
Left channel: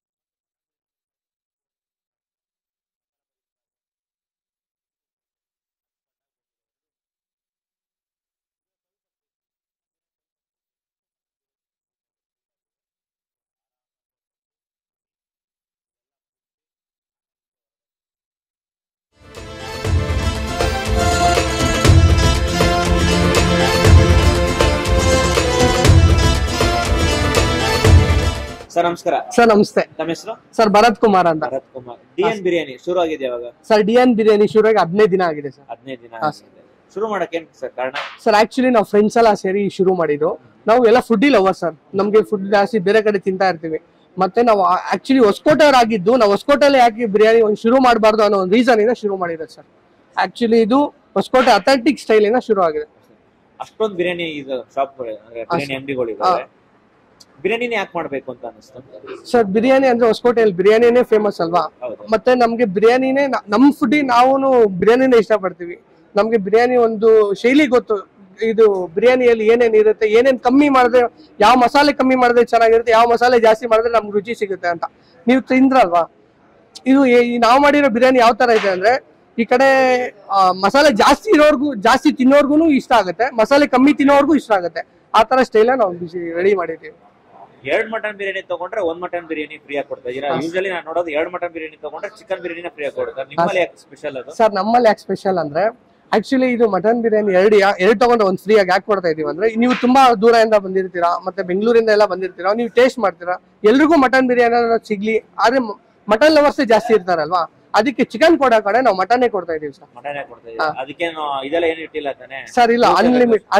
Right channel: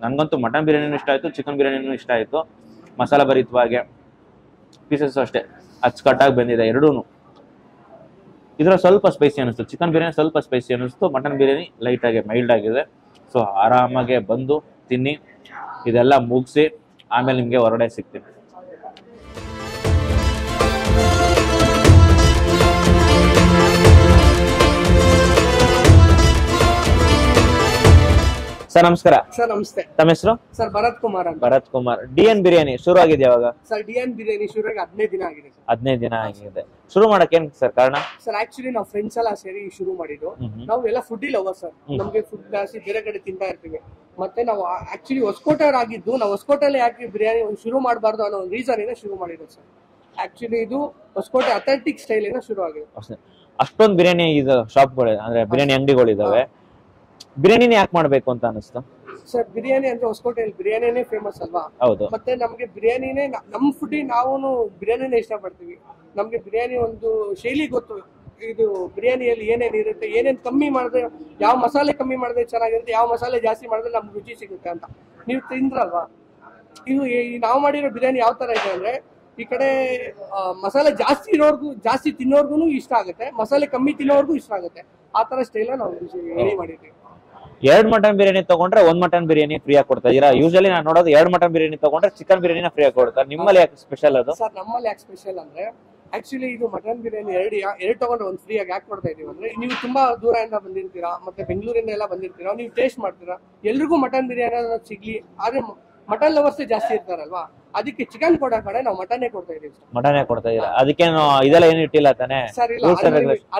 ನಂಗಂತೂ ಮಟನ್ ಬಿರಿಯಾನಿನೂ ಇಷ್ಟ ಆಯಿತು ಚಿಕನ್ ಬಿರಿಯಾನಿನೂ ಇಷ್ಟ ಆಯಿತು ಮಸಾಲೆ ಭರಿತವಾಗಿ ಪೀಸಸ್ ಅಷ್ಟೇ ಅಚ್ಚುಕಟ್ಟಾಗಿ ಬಂದಿದೆ ಎರಡೂ ಇದರ ಸ್ವಲ್ಪ ಸ್ಪೈಸಿ ಅನಿಸ್ತು ಚಿಕನ್ ಬಿರಿಯಾನಿ ಸ್ವಲ್ಪ ಸ್ಪೈಸಿ ಅನಿಸ್ತು ಮಟನ್ ಬಿರಿಯಾನಿ ಲೈಟಾಗಿ ಮೈಲ್ಡ್ ಆಗಿದೆ ಸೊ ಆರಾಮಾಗೆ ಬಂದು ತಿನ್ನಿ ಇದೆಲ್ಲ ಮುಗಿಸಿ ಆಮೇಲೆ ನಿಮಗೆ ಹೊರಗಡೆ ಸಿಗ್ತೀನಿ ಸರ್ ನಮಸ್ಕಾರ ಸರ್ ನಮಸ್ತೆ ತಮ್ಮ ಹೆಸರು ಸರ್ ಭರತ್ ಕುಮಾರ್ ಅಂತ ಭರತ್ ಕುಮಾರ್ ಡಿಎನ್ ಬಿರಿಯಾನಿ ಶುರು ಆಗಿದೆ ಯಾವಾಗ ಸರ್ ಡಿಎನ್ ಬಿರಿಯಾನಿ ಶುರುವಾಗಿ 15 ದಿನ ಆಗಿದೆ ಸರ್ 15 ದಿನ ಆಗಿದೆ ಶುರು ಮಾಡಕ್ಕೆ ಏನ್ ಸರ್ ಕಾರಣ ಸರ್ ಆಕ್ಚುಲಿ ನಾವು ಫ್ರೆಂಡ್ಸ್ ಎಲ್ಲ ಸೇರಿ ಶುರು ಮಾಡಿದ್ದು ನಾವು ಎಲ್ಲ ಫುಡ್ ಲವರ್ ಸರ್ ನಮ್ಗೆ ಫುಡ್ ಜಾಸ್ತಿ ಬೇರೆ ಕಡೆ ತಿಂತಾ ಇರ್ತೀವಿ ಮತ್ತೆ ನಾವು ಆಕ್ಚುಲಿ ಹೊಸಕೋಟೆಯವ್ರು ಆಗಿದ್ದು ನಾವು ಹೊಸಕೋಟೆಯಲ್ಲಿ ಯಾಕೆ ಬಿರಿಯಾನಿ ಒಂದು ಶುರು ಮಾಡಬಾರ್ದು ಅನ್ನೋ ಒಂದು ರೀಸನ್ ಇಂದ ಶುರು ಮಾಡಿರೋದು ಸರ್ ಆಕ್ಚುಲಿ ಇದು ಹೊಸಕೋಟೆ ಅಥೆಂಟಿಕ್ ಸ್ಟೈಲ್ ಇಂದ ಶುರು ಆಗಿದೆ ಅಷ್ಟೊಂದು ಬಿರಿಯಾನಿ ಇದು ಶಾಪ್ಗಳು ಅಂದ್ರೆ ಬಿರಿಯಾನಿ ಅಂಗಡಿಗಳಿದಾವೆ ಬಿರಿಯಾನಿನೇ ಯಾಕೆ ಮಾಡ್ಬೇಕು ಅಂತ ಅನಿಸ್ತು ಸರ್ ಬಿರಿಯಾನಿ ಅಂದ್ರೆ ಹೊಸಕೋಟೆಯಲ್ಲಿ ಬಿರಿಯಾನಿನೇ ಫೇಮಸ್ ಅಲ್ವಾ ಹೌದು ಮತ್ತೆ ನಮ್ಗೆ ಬಿರಿಯಾನಿನೇ ನಮ್ ಫುಡ್ ನಾವು ಬಿರಿಯಾನಿನೇ ಇಷ್ಟಪಡ್ತೀವಿ ನಮ್ಗೆ ಬಿರಿಯಾನಿ ಒಂದು ಶೈಲಿ ಗೊತ್ತು ಇದು ಬಿರಿಯಾನಿಯಲ್ಲಿ ಏನೇನ್ ಇರುತ್ತೆ ಏನೇನ್ ಕಮ್ಮಿ ಮಾಡಿದ್ರೆ ಯಾವ ಮಸಾಲೆ ಕಮ್ಮಿ ಮಾಡಿದ್ರೆ ಚೆನ್ನಾಗಿರುತ್ತೆ ಯಾವ ಮಸಾಲೆ ಜಾಸ್ತಿ ಮಾಡಿದ್ರೆ ನಮ್ಗೆ ರುಚಿ ಸಿಗುತ್ತೆ ಅಂತ ನೀವು ತಿಂದ್ರಲ್ವಾ ಇದು ನಾವು ಮಾಡಿರೋ ಬಿರಿಯಾನಿ ಯಾವ ತರ ಇದೆ ಅಂದ್ರೆ ಈ ಕಡೆ ಮಸಾಲೆ ಜಾಸ್ತಿ ಇರೋರ್ಗು ಜಾಸ್ತಿ ತಿನ್ನೋರ್ಗು ಇಷ್ಟ ಆಗುತ್ತೆ ಮಸಾಲೆ ಕಮ್ಮಿ ತಿನ್ನೋರ್ಗು ಇಷ್ಟ ಆಗುತ್ತೆ ಆ ತರ ಸ್ಟೈಲ್ ನಾವು ರೆಡಿ ಮಾಡಿದ್ದೀವಿ 2 ಮಟನ್ ಬಿರಿಯಾನಿ ತಗೊಂಡ್ರೆ 1 ಮಟನ್ ಬಿರಿಯಾನಿ ಫ್ರೀ ಆಗಿ ಕೊಡ್ತಾ ಇದೀರಾ ಯೂಶಲಿ ನಾನು ನೋಡೋದು 2 ಮಟನ್ ಬಿರಿಯಾನಿ ತಗೊಂಡ್ರೆ ಚಿಕನ್ ಬಿರಿಯಾನಿನ ಫ್ರೀ ಆಗಿ ಕೊಡ್ತಾರೆ ನಿಮ್ಮಲ್ಲಿ ಯಾಕೆ ಸ್ಪೆಷಲ್ ಅದು ಸರ್ ನಮ್ಮಲ್ಲಿ ಯಾಕೆ ಸ್ಪೆಷಲ್ ಅಂದ್ರೆ ಆಕ್ಚುಲಿ ಇದು ಮಟನ್ ಬಿರಿಯಾನಿ ಎರಡು ತಗೊಂಡು ಒಂದು ಫ್ರೀ ಆಗಿ ಯಾಕೆ ಕೊಡ್ತಾ ಇದೀವಿ ಅಂದ್ರೆ ನೀವು ತುಂಬಾ ದೂರದಿಂದ ಬಂದಿರ್ತೀರಾ ಮತ್ತೆ ಬೆಂಗಳೂರಿಂದ ಎಲ್ಲ ಬಂದಿರ್ತೀರಾ ನೀವು ಟೇಸ್ಟ್ ಮಾಡ್ತೀರಾ ಎಲ್ರಿಗೂ ಮಟನ್ ಬಿರಿಯಾನಿ ಸಿಗ್ಲಿ ಆದ್ರೆ ಮಟನ್ ಲವರ್ಸ್ ಜಾಸ್ತಿ ಇರ್ತಾರಲ್ವಾ ಅದಕ್ಕೆ ಚಿಕನ್ ಕೊಡೋ ಕಡೆ ನಾವು ಮಟನ್ನೇ ಕೊಡ್ತಾ ಇದೀವಿ ಸರ್ ಮಟನೇ ಕೊಡ್ತಾ ಇದೀರಾ ಅದಕ್ಕೇನು ಇದೆಲ್ಲ ಏನು ಇಟ್ಟಿಲ್ಲ ತಾನೆ ಸರ್ ಇಲ್ಲ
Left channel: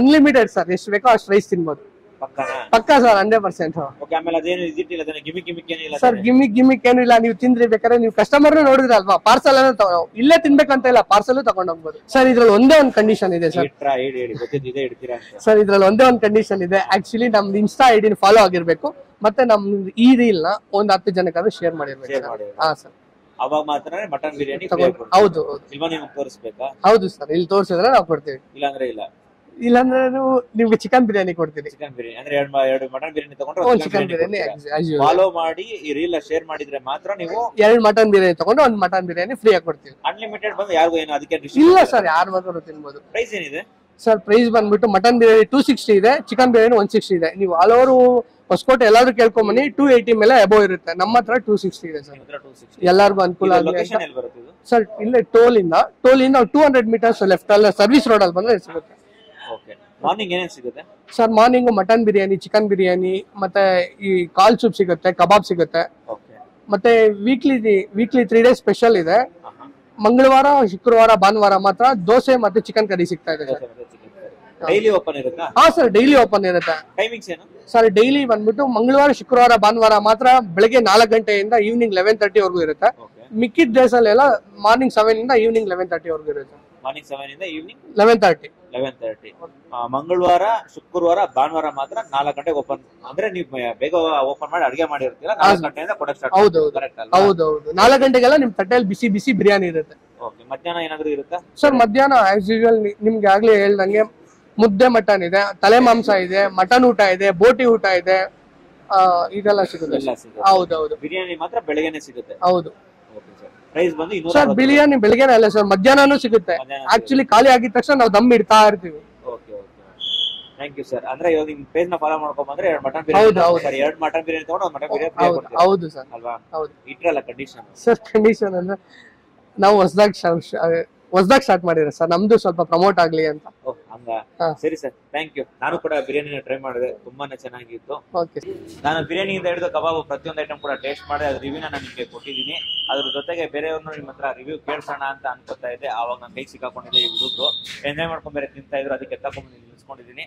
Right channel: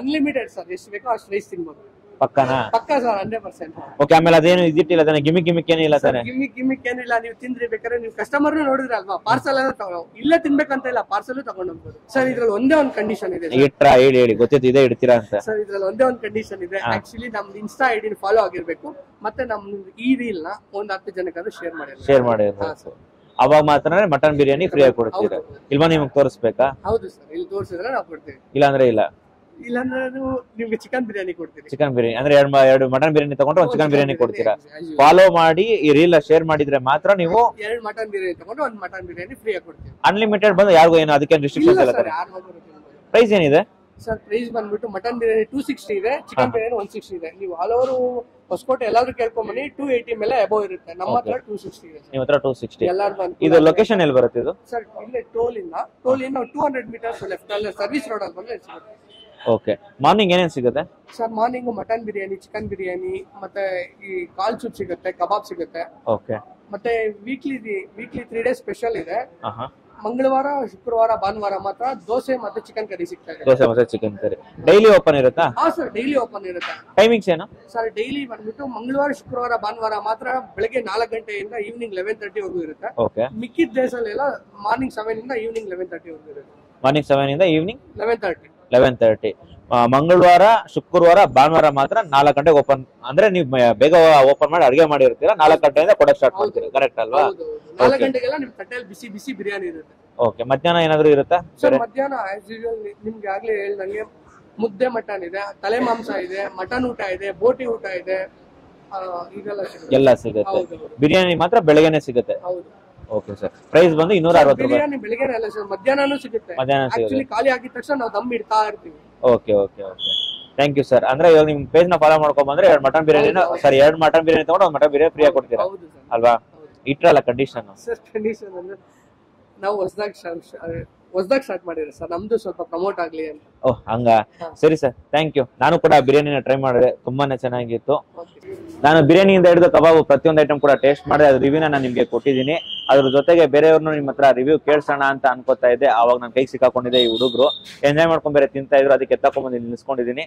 ಅನ್ಲಿಮಿಟೆಡ್ ಸರ್ ಎಷ್ಟು ಬೇಕೋ ಅಷ್ಟು ರೈಸ್ ತಿನ್ಬೋದು ಪಕ್ಕನಾ ಪಕ್ಕಾ ಸರ್ 100%. ಓಕೆ ಆಮೇಲೆ ಅದೇನು ಇದಿಟ್ಟಿಲ್ಲ ತಾನೆ ಗಿಮಿಕ್ ಏನಿಲ್ಲ ಸರ್ ಗಿಮಿಕ್ ಏನು ಇಲ್ಲ ನೀವು ತಿಂದ್ರಿ ಬೇಕಾದ್ರೆ ನೀವು ಕಸ್ಟಮರ್ ನೋಡಿದ್ರಲ್ವಾ ಪಾರ್ಸಲ್ ಇಲ್ಲೇ ತಿನ್ಬೇಕಂತ ಇಲ್ಲ ಪಾರ್ಸಲ್ ತಗೊಂಡ್ ಹೋಗ್ಬೋದು ಸರ್ ಇದ್ರಲ್ಲಿ ಒಂದೇ ಒಂದು ಕಂಡೀಷನ್ ಇದೆ ಹೇಳಿ ಗೊತ್ತಿದ್ದು ಇದೇ ಇಡ್ತೀರಾ ಅಂತ ಸರ್ ಇದ್ರಲ್ಲಿ ಒಂದೇ ಒಂದು ಕಂಡೀಷನ್ ಇದೆ ಆಕ್ಚುಲಿ ನಮ್ದು ಇನ್ಸ್ಟಾ ಐಡಿನ ಫಾಲೋ ಆಗಿರ್ಬೇಕು ಮತ್ತೆ ನಮ್ ಈ ರೀಲ್ ನ ಒಂದ್ 10 ಜನಕ್ಕಾದ್ರೂ ಶೇರ್ ಮಾಡಿರ್ಬೇಕು ಹಾ ಸರ್ ಅವಾಗ ಮಾತ್ರ ಮಟನ್ ಬಿರಿಯಾನಿ ಫ್ರೀ ಆಗಿ ಕೊಡ್ತೀವಿ ಹೌದು ಇಲ್ವಾ ನಿಮ್ಗೆ ತೋರಿಸ್ಬೇಕಾ ಹೌದು ಸರ್ ಇಲ್ಲಿ ತೋರಿಸಿದ್ರೆ ನಾವು ಕೊಡ್ತೀವಿ ಇಲ್ಲಾಂದ್ರೆ ಇಲ್ಲ ಇಲ್ಲಾಂದ್ರೆ ನಿಮ್ಗೆ ಚಿಕನ್ ಬಿರಿಯಾನಿ ಕೊಡ್ತೀವಿ ಚಿಕನ್ ಬಿರಿಯಾನಿ ಅಂದ್ರೆ 2 ಮಟನ್ ಬಿರಿಯಾನಿ ತಗೊಂಡ್ರೆ 1 ಚಿಕನ್ ಬಿರಿಯಾನಿ ಕೊಡ್ತೀರಾ ಫಾಲೋ ಮಾಡಿ ಈ ರೀಲ್ ಶೇರ್ ಮಾಡಿದ್ರೆ ಮಾತ್ರ ನೀವು 2 ಮಟನ್ ಬಿರಿಯಾನಿ ತಗೊಂಡು 1 ಮಟನ್ ಬಿರಿಯಾನಿ ಫ್ರೀ ಆಗಿ ಕೊಡ್ತೀವಿ ಅನ್ಲಿಮಿಟೆಡ್ ಬಂದು ಯಾರಿಗೂ ಏನು ಅದಕ್ಕೆ ಇಲ್ಲ ಸರ್ ಯಾರು ಬೇಕಾದ್ರೂ ತಿನ್ಬೋದು ಪ್ರೈಸ್ ಏನಿದೆ ಸರ್ ಪ್ರೈಸ್ ಬಂದ್ಬಿಟ್ಟು ಮಟನ್ ಬಿರಿಯಾನಿ 260 ಇದೆ ಚಿಕನ್ ಬಿರಿಯಾನಿ 160 ಇದೆ ನೀವು ಆಲ್ ಓವರ್ ಹೊಸಕೋಟೆ ಎಲ್ಲಾದ್ರೂ ಕೇಳ್ಕೊಂಬನ್ನಿ 280 ಮೇಲೆ ಅಬೋವ್ ಇರುತ್ತೆ. ನಮ್ಮ ಹತ್ರ 260 ಇದೆ ಸರ್. ನಿಮ್ಮ ಹತ್ರ 260. ಎಲ್ಲಾರ್ಗು ಅನುಕೂಲ. ಲೊಕೇಶನ್ ಎಲ್ಲಿ ಬರುತ್ತೆ ಇದು ಸರ್? ಇಲ್ಲೇ ಟೋಲ್ ಇಂದ 200 ಮೀಟರ್ಸ್ ಲೆಫ್ಟ್ ಅಲ್ಲ ಸರ್ವಿಸ್ ರೋಡ್ ಅಲ್ಲಿ ಬಂದ್ರೆ ಸಿಗುತ್ತೆ. ಓಕೆ. ಮಾರ್ನಿಂಗ್ ಏನೇನ್ ಸಿಗುತ್ತೆ sir? Morning mutton biryani, chicken biryani, ಮತ್ತೆ ಈ ಕಾಲ್ ಸೂಪ್ ಸಿಗುತ್ತೆ, ಕಬಾಬ್ ಸಿಗುತ್ತೆ. ಓಕೆ. ಮತ್ತೆ ವೀಕ್ಲಿ 3 ಡೇಸ್ ಸ್ಪೆಷಲ್ ಇದೆ. ಮಂಗಳವಾರ, ಶುಕ್ರವಾರ, ಭಾನುವಾರ ಮಾತ್ರ ದೋಸೆ ಮತ್ತೆ ಚಿಕನ್ ಕರಿ ಸಿಗ್ತಾ ಇದೆ. ದೋಸೆ ಮತ್ತೆ ಚಿಕನ್ ಕರಿ ಡೈಲಿ ಓಪನ್ ಇರುತ್ತಾ? ಹಾ ಸರ್, ಡೈಲಿ ಓಪನ್ ಇರುತ್ತೆ. ಟೈಮಿಂಗ್ಸ್ ಏನು ಸರ್? ಡೈಲಿ ಬಂದ್ಬಿಟ್ಟು ಮಂಗಳವಾರ, ಶುಕ್ರವಾರ, ಭಾನುವಾರ ಮಾತ್ರ ಬೆಳಗ್ಗೆ 4 ಗಂಟೆಯಿಂದ ಈವ್ನಿಂಗ್ 11:30 ವರೆಗೂ ಇರುತ್ತೆ. ಓಕೆ. ಮಿಕ್ಕಿದ ಡೇಸ್ ಅಲ್ಲೆಲ್ಲ ಮಾರ್ನಿಂಗ್ 7 ಇಂದ ಈವ್ನಿಂಗ್ 11:30 ವರೆಗೂ ಇರುತ್ತೆ. ಮಾರ್ನಿಂಗ್ 7 ಇಂದ ಈವ್ನಿಂಗ್ 11:30. ಮಂಗಳವಾರ, ಶುಕ್ರವಾರ, ಭಾನುವಾರ ಮಾತ್ರ 4 ಗಂಟೆಗೆ ಓಪನ್. ಅಂದ್ರೆ ನೀವು ಬೇಗ ಓಪನ್ ಮಾಡಿ ಅಡಿಗೆ ಮಾಡಿರ್ತೀರಾ, 4 ಗಂಟೆಯಿಂದ ಕೊಡಕ್ ಸ್ಟಾರ್ಟ್. ಹೌದು, ಕರೆಕ್ಟ್ ಅಲ್ವಾ? ಹೌದು. 4 ಗಂಟೆಗೆಲ್ಲ ನಿಮ್ ತಟ್ಟೆಯಲ್ಲಿ ಬಿಸಿ ಬಿಸಿ ಬಿರಿಯಾನಿ ಇರುತ್ತೆ. ಓಕೆ. ಮಧ್ಯಾಹ್ನ ಏನಾದ್ರು ಇರುತ್ತಾ ಸರ್? ಮಧ್ಯಾಹ್ನ ಆಸ್ ಯೂಶುವಲ್ ನಿಮ್ಗೆ ಆಗ್ಲೇ ಹೇಳ್ದಂಗೆ ಮುದ್ದೆ ಮಟನ್ ಇದೆ, ತಲೆ ಮಾಂಸ ಇದೆ, ಮಟನ್ ಊಟ ಇದೆ, ಬೋಟಿ ಊಟ ಇದೆ, ಇದೆಲ್ಲ ಸಿಗುತ್ತೆ. ಎಲ್ಲ ಸಿಗುತ್ತೆ. ಹೌದೌದು. ಬಿರಿಯಾನಿ ಮಾತ್ರ ಬೆಳಗ್ಗೆನೆ ಸಿಗುತ್ತೆ. ಹೌದು. Okay sir. ಪ್ರೈಸ್ ಬಂದು 260. ಸರ್ ಬಿರಿಯಾನಿ ಬೆಳಿಗ್ಗೆನೇ ಅಲ್ಲ ಸರ್, ಮಧ್ಯಾಹ್ನನೂ ಸಿಗುತ್ತೆ. ಆಕ್ಚುಲಿ ಖಾಲಿ ಆಗಿದ ತಕ್ಷಣ ನಾವು ದಮ್ ಇಡ್ತಾ ಇರ್ತೀವಿ. Okay okay okay. Thank you sir. ಅಂದ್ರೆ ಇವಾಗ ನಿಮ್ ಪೇಜ್ ನ ಫಾಲೋ ಮಾಡ್ಕೊಂಡ್ ಬಂದ್ರೆ 2 mutton biryani sir, 2 mutton biryani ತಗೊಂಡು 1 ಮಟನ್ ಬಿರಿಯಾನಿ ಫ್ರೀ ಆಗಿ ಕೊಡ್ತೀರಾ? ಹೌದು ಸರ್. ಅಲ್ವಾ? ಹೌದು. ಇಟ್ರಲ್ಲ ಕಂಡೀಷನ್. ಸರ್ ಕಂಡೀಷನ್ ಅಂದ್ರೆ ನಾವು ಹೊಸದಾಗಿ ಸ್ಟಾರ್ಟ್ ಮಾಡಿದ್ರೆ ಸರ್, ನಮ್ದು ಸ್ವಲ್ಪ ಪ್ರಮೋಟ್ ಆಗ್ಲಿ ಅಂತ. ಓಹ್ ಹಂಗ. ಸರಿ ಸರ್, ಥ್ಯಾಂಕ್ ಯು. ನಾನು ಕೂಡ ಬಿರಿಯಾನಿನ ಟ್ರೈ ಮಾಡಿದೆ, ತುಂಬಾನೇ ಚೆನ್ನಾಗಿತ್ತು. ನಾನು ಬಿರಿಯಾನಿಯಿಂದ ಹಿಡಿದು ಕಬಾಬ್ ಪ್ರತಿಯೊಂದು ಐಟಮ್ ಕೂಡ ಟೇಸ್ಟ್ ಮಾಡಿದೆ. ಅದ್ರ ರಿವ್ಯೂನ ನಾನು ನಿಮ್ಗೆ ಕೊಟ್ಟಿದ್ದೀನಿ. ಅದ್ರ ಜೊತೆಗೆ ಬೇರೆಯವ್ರನ್ನು ನಿಮ್ಮ ಹತ್ರ ರಿವ್ಯೂ ಕೇಳ್ಸೋಣ ಅಂತ ಅನ್ಕೋತಾ ಇದ್ದೆ. ಆವಾಗ ನಾನು ಕೈಗೆ ಸಿಕ್ಕಾಕೊಂಡಿದ್ದೆ. ಈ ಹುಡುಗರು ಎಂಜಾಯ್ ಮಾಡ್ಕೊಂಡ್ ಬೇರೆ ತಿಂತಾ ಇದ್ರು, ಅದಕ್ಕೆ ಎತ್ತಾಕೊಂಡ್ಬಂದು ನಿಲ್ಸ್ಕೊಂಡಿದ್ದೀನಿ.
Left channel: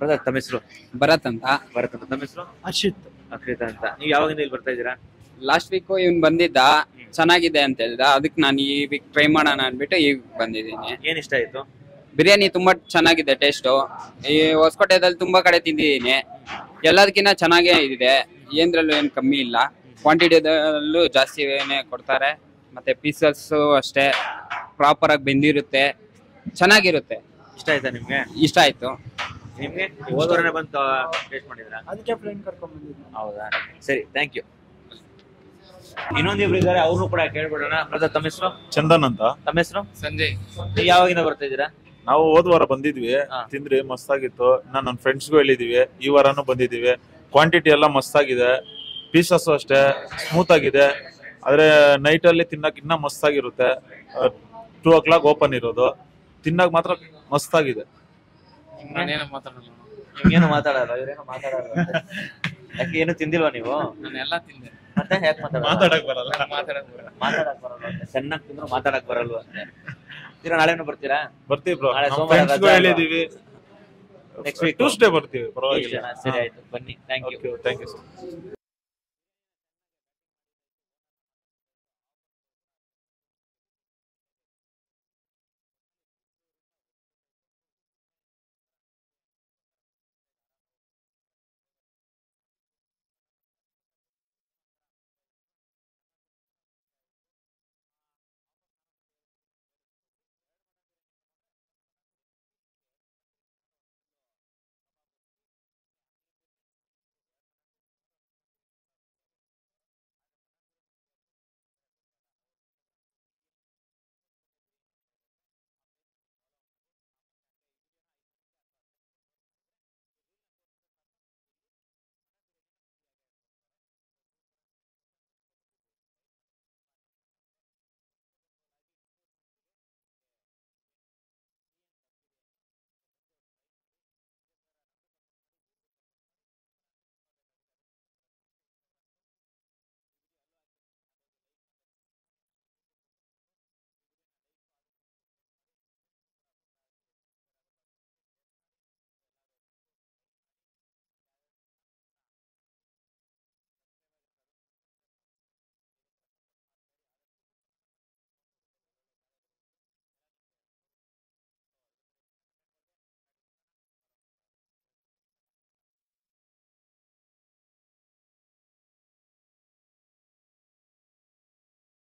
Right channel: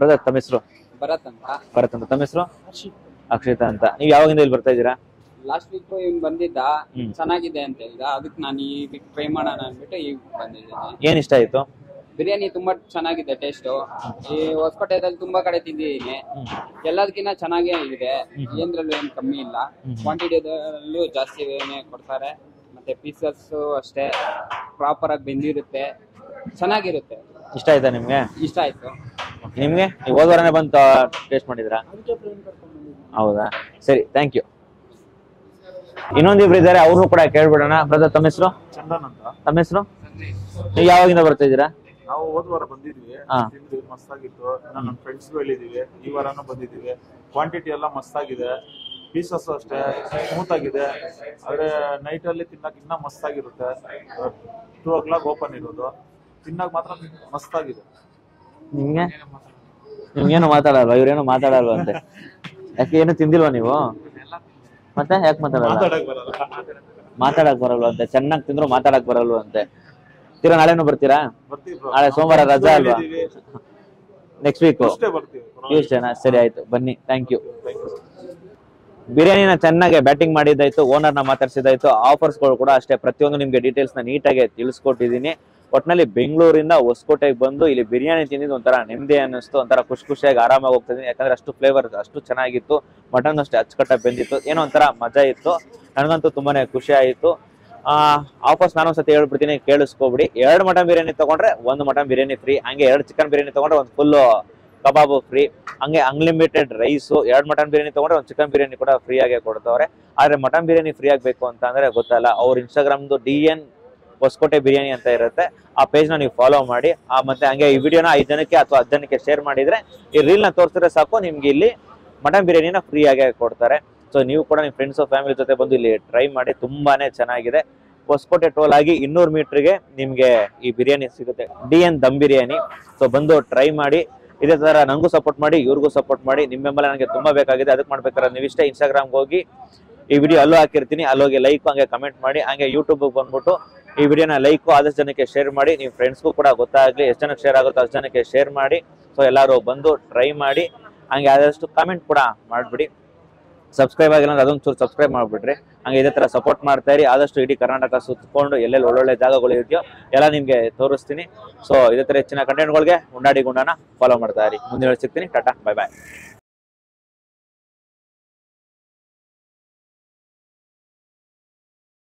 ಬ್ರದರ್, ತಮ್ಮ ಹೆಸರು? ಭರತ್ ಅಂತ. ಭರತ್ ಅಂತ. ತಮ್ಮ ಹೆಸರು? ಅಕ್ಷಿತ್ ಅಂತ. ನೀವು ಯಾವಾಗಿಂದ ಇಲ್ಲಿ ಬರ್ತಾ ಇದ್ದೀರಾ? ಲಾಸ್ಟ್ ವೀಕ್ ಇವ್ನ್ ಬಂದಿದ್ದ, ಚೆನ್ನಾಗಿದೆ ಅಂತ ಹೇಳಿದ. ಅದಕ್ಕೆ ನಾನು ಈ ವೀಕ್ ಟ್ರೈ ಮಾಡೋಣ ಅನ್ಬಿಟ್ಟು ಈಗ ಬಂದಿದ್ದೀನಿ. ಏನ್ ಇಷ್ಟ ಆಯ್ತು? ಬಿರಿಯಾನಿ ತುಂಬಾ ಚೆನ್ನಾಗಿದೆ ಟೇಸ್ಟ್. ಈ ಹೊಸಕೋಟೆದಲ್ಲಿ ತುಂಬಾ ಕಡೆ ತಿಂದಿದ್ದೀನಿ, ಎಲ್ಲದಕ್ಕಿಂತ ಚೆನ್ನಾಗೇ ಇದೆ. ಏನ್ರಲ್ಲೂ ಏನ್ ಕಮ್ಮಿ ಇಲ್ಲ. ಕ್ವಾಂಟಿಟಿದಲ್ಲೂ ಜಾಸ್ತಿನೇ ಕೊಡ್ತಾರೆ. ಮತ್ತೆ ಪೀಸಸ್ ಅಷ್ಟೇ ಪ್ರಾಪರ್ ಆಗಿ ಬೆಂದಿರುತ್ತೆ, ಚೆನ್ನಾಗಿರುತ್ತೆ. ಇಷ್ಟ ಆಯ್ತಾ ನಿಮ್ಗೆ? ಇಷ್ಟ ಆಯ್ತು. ನಿಮ್ಗೆ ಹೋದ ವಾರನೇ ಬಂದು ಟೇಸ್ಟ್ ಮಾಡಿದ್ರಾ? ಹೌದಾ, ಸರಿ, ಥ್ಯಾಂಕ್ ಯು. ಇನ್ನೊಂದಿಬ್ರು ಇದಾರೆ, ಅವ್ರು ಕೂಡ ಕೇಳ್ಬಿಡೋಣ. ಬ್ರದರ್, ತಮ್ಮ ಹೆಸರು? ಚಂದನ್ ಅಂತ. ತಮ್ಮ ಹೆಸರು? ಸಂಜಯ್. ನೀವು ಯಾವಾಗಿಂದ ಬರ್ತಾ ಇದ್ದೀರಾ? ನಾವು ಹೋದ ವಾರ ಬಂದಿದ್ವಿ, ತಿಂದ್ರಿ ಮಸ್ತಾಗಿತ್ತು. ನನ್ನ ಫ್ರೆಂಡ್ಸ್ಗೂ ಹೇಳಿದೀವಿ, ಈ ವಾರನೂ ಬಂದಿದೀವಿ. ಕ್ವಾಂಟಿಟಿ ಎಲ್ಲ ಮಸ್ತಾಗಿದೆ, ಪೀಸಸ್ ಅಷ್ಟೇ ಸ್ಮೂತ್ ಆಗಿದೆ. ಆದ್ರೆ ನೈಟ್ ಅಲ್ಲಿ ತಿನ್ನಕ್ ಇನ್ನ ಮಸ್ತಾಗಿರುತ್ತೆ. 2 o'clock ಓಪನ್ ಇರೋದು, ತಿನ್ನಕ್ ಮಾತ್ರ ಮಸ್ತಾಗಿದೆ. ನಿಮ್ಗೇನು ಮಾತಾಡಲ್ವಾ? ಇವ್ರೇನು ಮಾತಾಡಲ್ವಾ ಅಂತೆ? ಯಾಕೆ ಏನು ತಿಂದಿಲ್ವಾ ನೀವು? ಮತ್ತೆ ಯಾಕೆ ಮಾತಾಡಕ್ ಬರಲ್ವಾ ಅಂತ? ಚೆನ್ನಾಗಿ ತಿಂದ್ರು ಮಾತಾಡಕ್ ಬರಲ್ವಾ ಅಂತೆ. ನಾಳೆನೂ ಬರ್ತೀರಾ? ನಾಳೆ ಸೋಮವಾರ ರಜಾ, ನೆಕ್ಸ್ಟ್ ವೀಕ್ ಬರ್ತೀವಿ. ಸರಿ, ಆಯ್ತು, ಬನ್ನಿ. Thank you. ಬಿರಿಯಾನಿನ ಚೆನ್ನಾಗಿ ಬ್ಯಾಟಿಂಗ್ ಮಾಡಿದ್ದಾಯ್ತು, ಓನರ್ನ ಮಾತಾಡ್ಸಿದಾಯ್ತು. ಆಫರ್ಸ್ಗಳು ಕೂಡ ಅಷ್ಟೇ, ಪ್ರತಿಯೊಂದು ನಿಮ್ಗೆ ಡೀಟೇಲ್ಸ್ ನ ನೀಟಾಗಿ ತಿಳಿಸ್ಕೊಟ್ಟಿದ್ದೀನಿ. ಒಟ್ನಲ್ಲಿ ಬೆಂಗಳೂರಿಂದ ಹೊಸಕೋಟೆಗೆ ಬಂದು ಇಲ್ಲಿ ಬಿರಿಯಾನಿ ತಿಂದಿದ್ದು ಒಂಥರ ನೆಮ್ಮದಿ ಅನ್ನಿಸ್ತು. ಒಂಥರ ಖುಷಿಯಾಗಿ ಆರಾಮಾಗಿ ಹೋಗ್ತಿದ್ದೀನಿ. ಯಾಕಂದ್ರೆ ಅಷ್ಟು ಫ್ಲೇವರ್ ಅಷ್ಟು ಚೆನ್ನಾಗಿತ್ತು. ಮಟನ್ ಅಷ್ಟೇ ಅಚ್ಚುಕಟ್ಟಾಗಿ ಬೆಂದಿತ್ತು. ಏನೋ ಒಂಥರ ಮಜಾ ಇತ್ತು. ನನಗಂತೂ ತುಂಬಾನೇ ಖುಷಿ ಆಯಿತು. ಆಫರ್ಸ್ ನಾನೊಂದ್ಸತಿ ಹೇಳ್ಬಿಡ್ತೀನಿ, ಕೇಳಿಸ್ಕೊಬಿಡಿ. 2 ಮಟನ್ ಬಿರಿಯಾನಿ ತಗೊಂಡ್ರೆ 1 ಮಟನ್ ಬಿರಿಯಾನಿ ಫ್ರೀ. ಹಂಗೆ 2 ಚಿಕನ್ ಬಿರಿಯಾನಿ ತಗೊಂಡ್ರೆ 1 ಫುಲ್ ಕಬಾಬು ಫ್ರೀ. ಹಂಗೆ ಅನ್ಲಿಮಿಟೆಡ್ ರೈಸು. 2 ಮಟನ್ ಬಿರಿಯಾನಿ ತಗೊಂಡ್ರೆ 1 ಚಿಕನ್ ಬಿರಿಯಾನಿ ಕೂಡ ಫ್ರೀ ಆಗಿ ಕೊಡ್ತವ್ರೆ. ಆದ್ರೆ ಮಟನ್ ಬಿರಿಯಾನಿ ಫ್ರೀ ಆಗಬೇಕು ಅಂತ ಅಂದ್ರೆ ಗೊತ್ತಲ್ಲ, ಅವ್ರ ಇನ್ಸ್ಟಾಗ್ರಾಮ್ದು DN ಹೊಸಕೋಟೆ ಬಿರಿಯಾನಿ ಅಂತ ಇರುತ್ತೆ. ಆ ಪೇಜ್ ನ ನೀವು ಫಾಲೋ ಮಾಡಿ. ಮತ್ತೆ ಹಂಗೆ ಈ ವಿಡಿಯೋನ 5 ಜನಕ್ಕೆ ಅಥವಾ 10 ಜನಕ್ಕೆ ಶೇರ್ ಮಾಡಿದ್ರೆ, ಈ ರೀಲ್ ನ ತೋರಿಸಿದ್ರೆ ಸಾಕು, ನಿಮ್ಗೆ ಇಲ್ಲಿ ಮಟನ್ ಬಿರಿಯಾನಿನ ಫ್ರೀ ಆಗಿ ಕೊಡ್ತಾರೆ. ಸೊ ನೀವು ಕೂಡ ನಿಮ್ಮ ಫ್ರೆಂಡ್ಸ್ ಫ್ಯಾಮಿಲಿ ಜೊತೆ ಬಂದು ಇಲ್ಲಿ ಟ್ರೈ ಮಾಡಿ, ತುಂಬಾನೇ ಚೆನ್ನಾಗಿದೆ. ಹೊಸಕೋಟೆ ಟೋಲ್ ಆಗಿ 200 ಮೀಟರ್ಗೆ ನಿಮ್ಗೆ ಈ ಬಿರಿಯಾನಿ ಸಿಗುತ್ತೆ, DN ದಮ್ ಬಿರಿಯಾನಿ. ಸೊ ಬಂದು ಟ್ರೈ ಮಾಡಿ. ಇದೇ ತರ ನಂಗೂ ಸಪೋರ್ಟ್ ಮಾಡಿ, ಇವ್ರಿಗೂ ಸಪೋರ್ಟ್ ಮಾಡಿ. ನಿಮ್ಮ ಬೆಂಬಲ ನನಗೆ ತುಂಬಾ ಬೇಕಾಗಿದೆ. ಅದಕ್ಕೆ ಮಾಡ್ಬೇಕಾದ್ರೆ ನೀವಿಷ್ಟೇ ಇನ್ಸ್ಟಾಗ್ರಾಮ್ಗೆ ಹೋಗಿ ಈ ವಿಡಿಯೋ ಅಲ್ಲೂ ಹಾಕಿರ್ತೀನಿ, ಅಲ್ಲೋಗಿ ಲೈಕ್ ಹಂಗೆ ಕಮೆಂಟ್ ಮಾಡಿ. ಹಂಗೆ ಯೂಟ್ಯೂಬ್ ಬಂದ್ಬಿಟ್ಟು ಈ ವಿಡಿಯೋನ ಲೈಕ್ ಆದಷ್ಟು ಜನಕ್ಕೆ ಶೇರ್ ಮಾಡಿ. ನಿಮ್ಮ ಫ್ರೆಂಡ್ಸ್ಗೂ ಕೂಡ ಗೊತ್ತಾಗ್ಲಿ, ಎಷ್ಟು ಜನಕ್ಕೆ ಶೇರ್ ಆಗುತ್ತೋ ಅಷ್ಟು ಜನಕ್ಕೆ ಶೇರ್ ಮಾಡಿ. ಸೊ ಎಲ್ಲರೂ ಬಂದು ಟ್ರೈ ಮಾಡಿ. ಹಂಗೆ ಆದಷ್ಟು ಕಮೆಂಟ್ ಕೂಡ ಮಾಡಿಬಿಡಿ. ಸಬ್ಸ್ಕ್ರೈಬ್ ಆಗಿಲ್ಲ ಅಂದ್ರೆ ಅದೊಂದು ಚೂರು ಸಬ್ಸ್ಕ್ರೈಬ್ ಮಾಡಿಬಿಟ್ರಿ. ಹಂಗೆ ಇದೇ ಥರ ಸಪೋರ್ಟ್ ಮಾಡ್ತಾ ಇರಿ. ಆದಷ್ಟು ಇಡೀ ಕರ್ನಾಟಕ ಸುತ್ತಕೊಂಡು ಎಲ್ಲೆಲ್ಲಿ ಒಳ್ಳೊಳ್ಳೆ ಜಾಗಗಳು ಇದೆಯೋ ಎಲ್ಲ ನಿಮಗೆ ತೋರಿಸ್ತೀನಿ. ಸೊ ಇದೇ ಥರ ಹೆಚ್ಚಿನ ಕಂಟೆಂಟ್ಗಳಿಗೆ ಉಂಡಾಡಿ ಗುಂಡಾನ ಫಾಲೋ ಮಾಡ್ತಾ ಇರಿ. ಮುಂದೆ ಸಿಗ್ತೀನಿ. ಟಾಟಾ, ಬಾಯ್ ಬಾಯ್.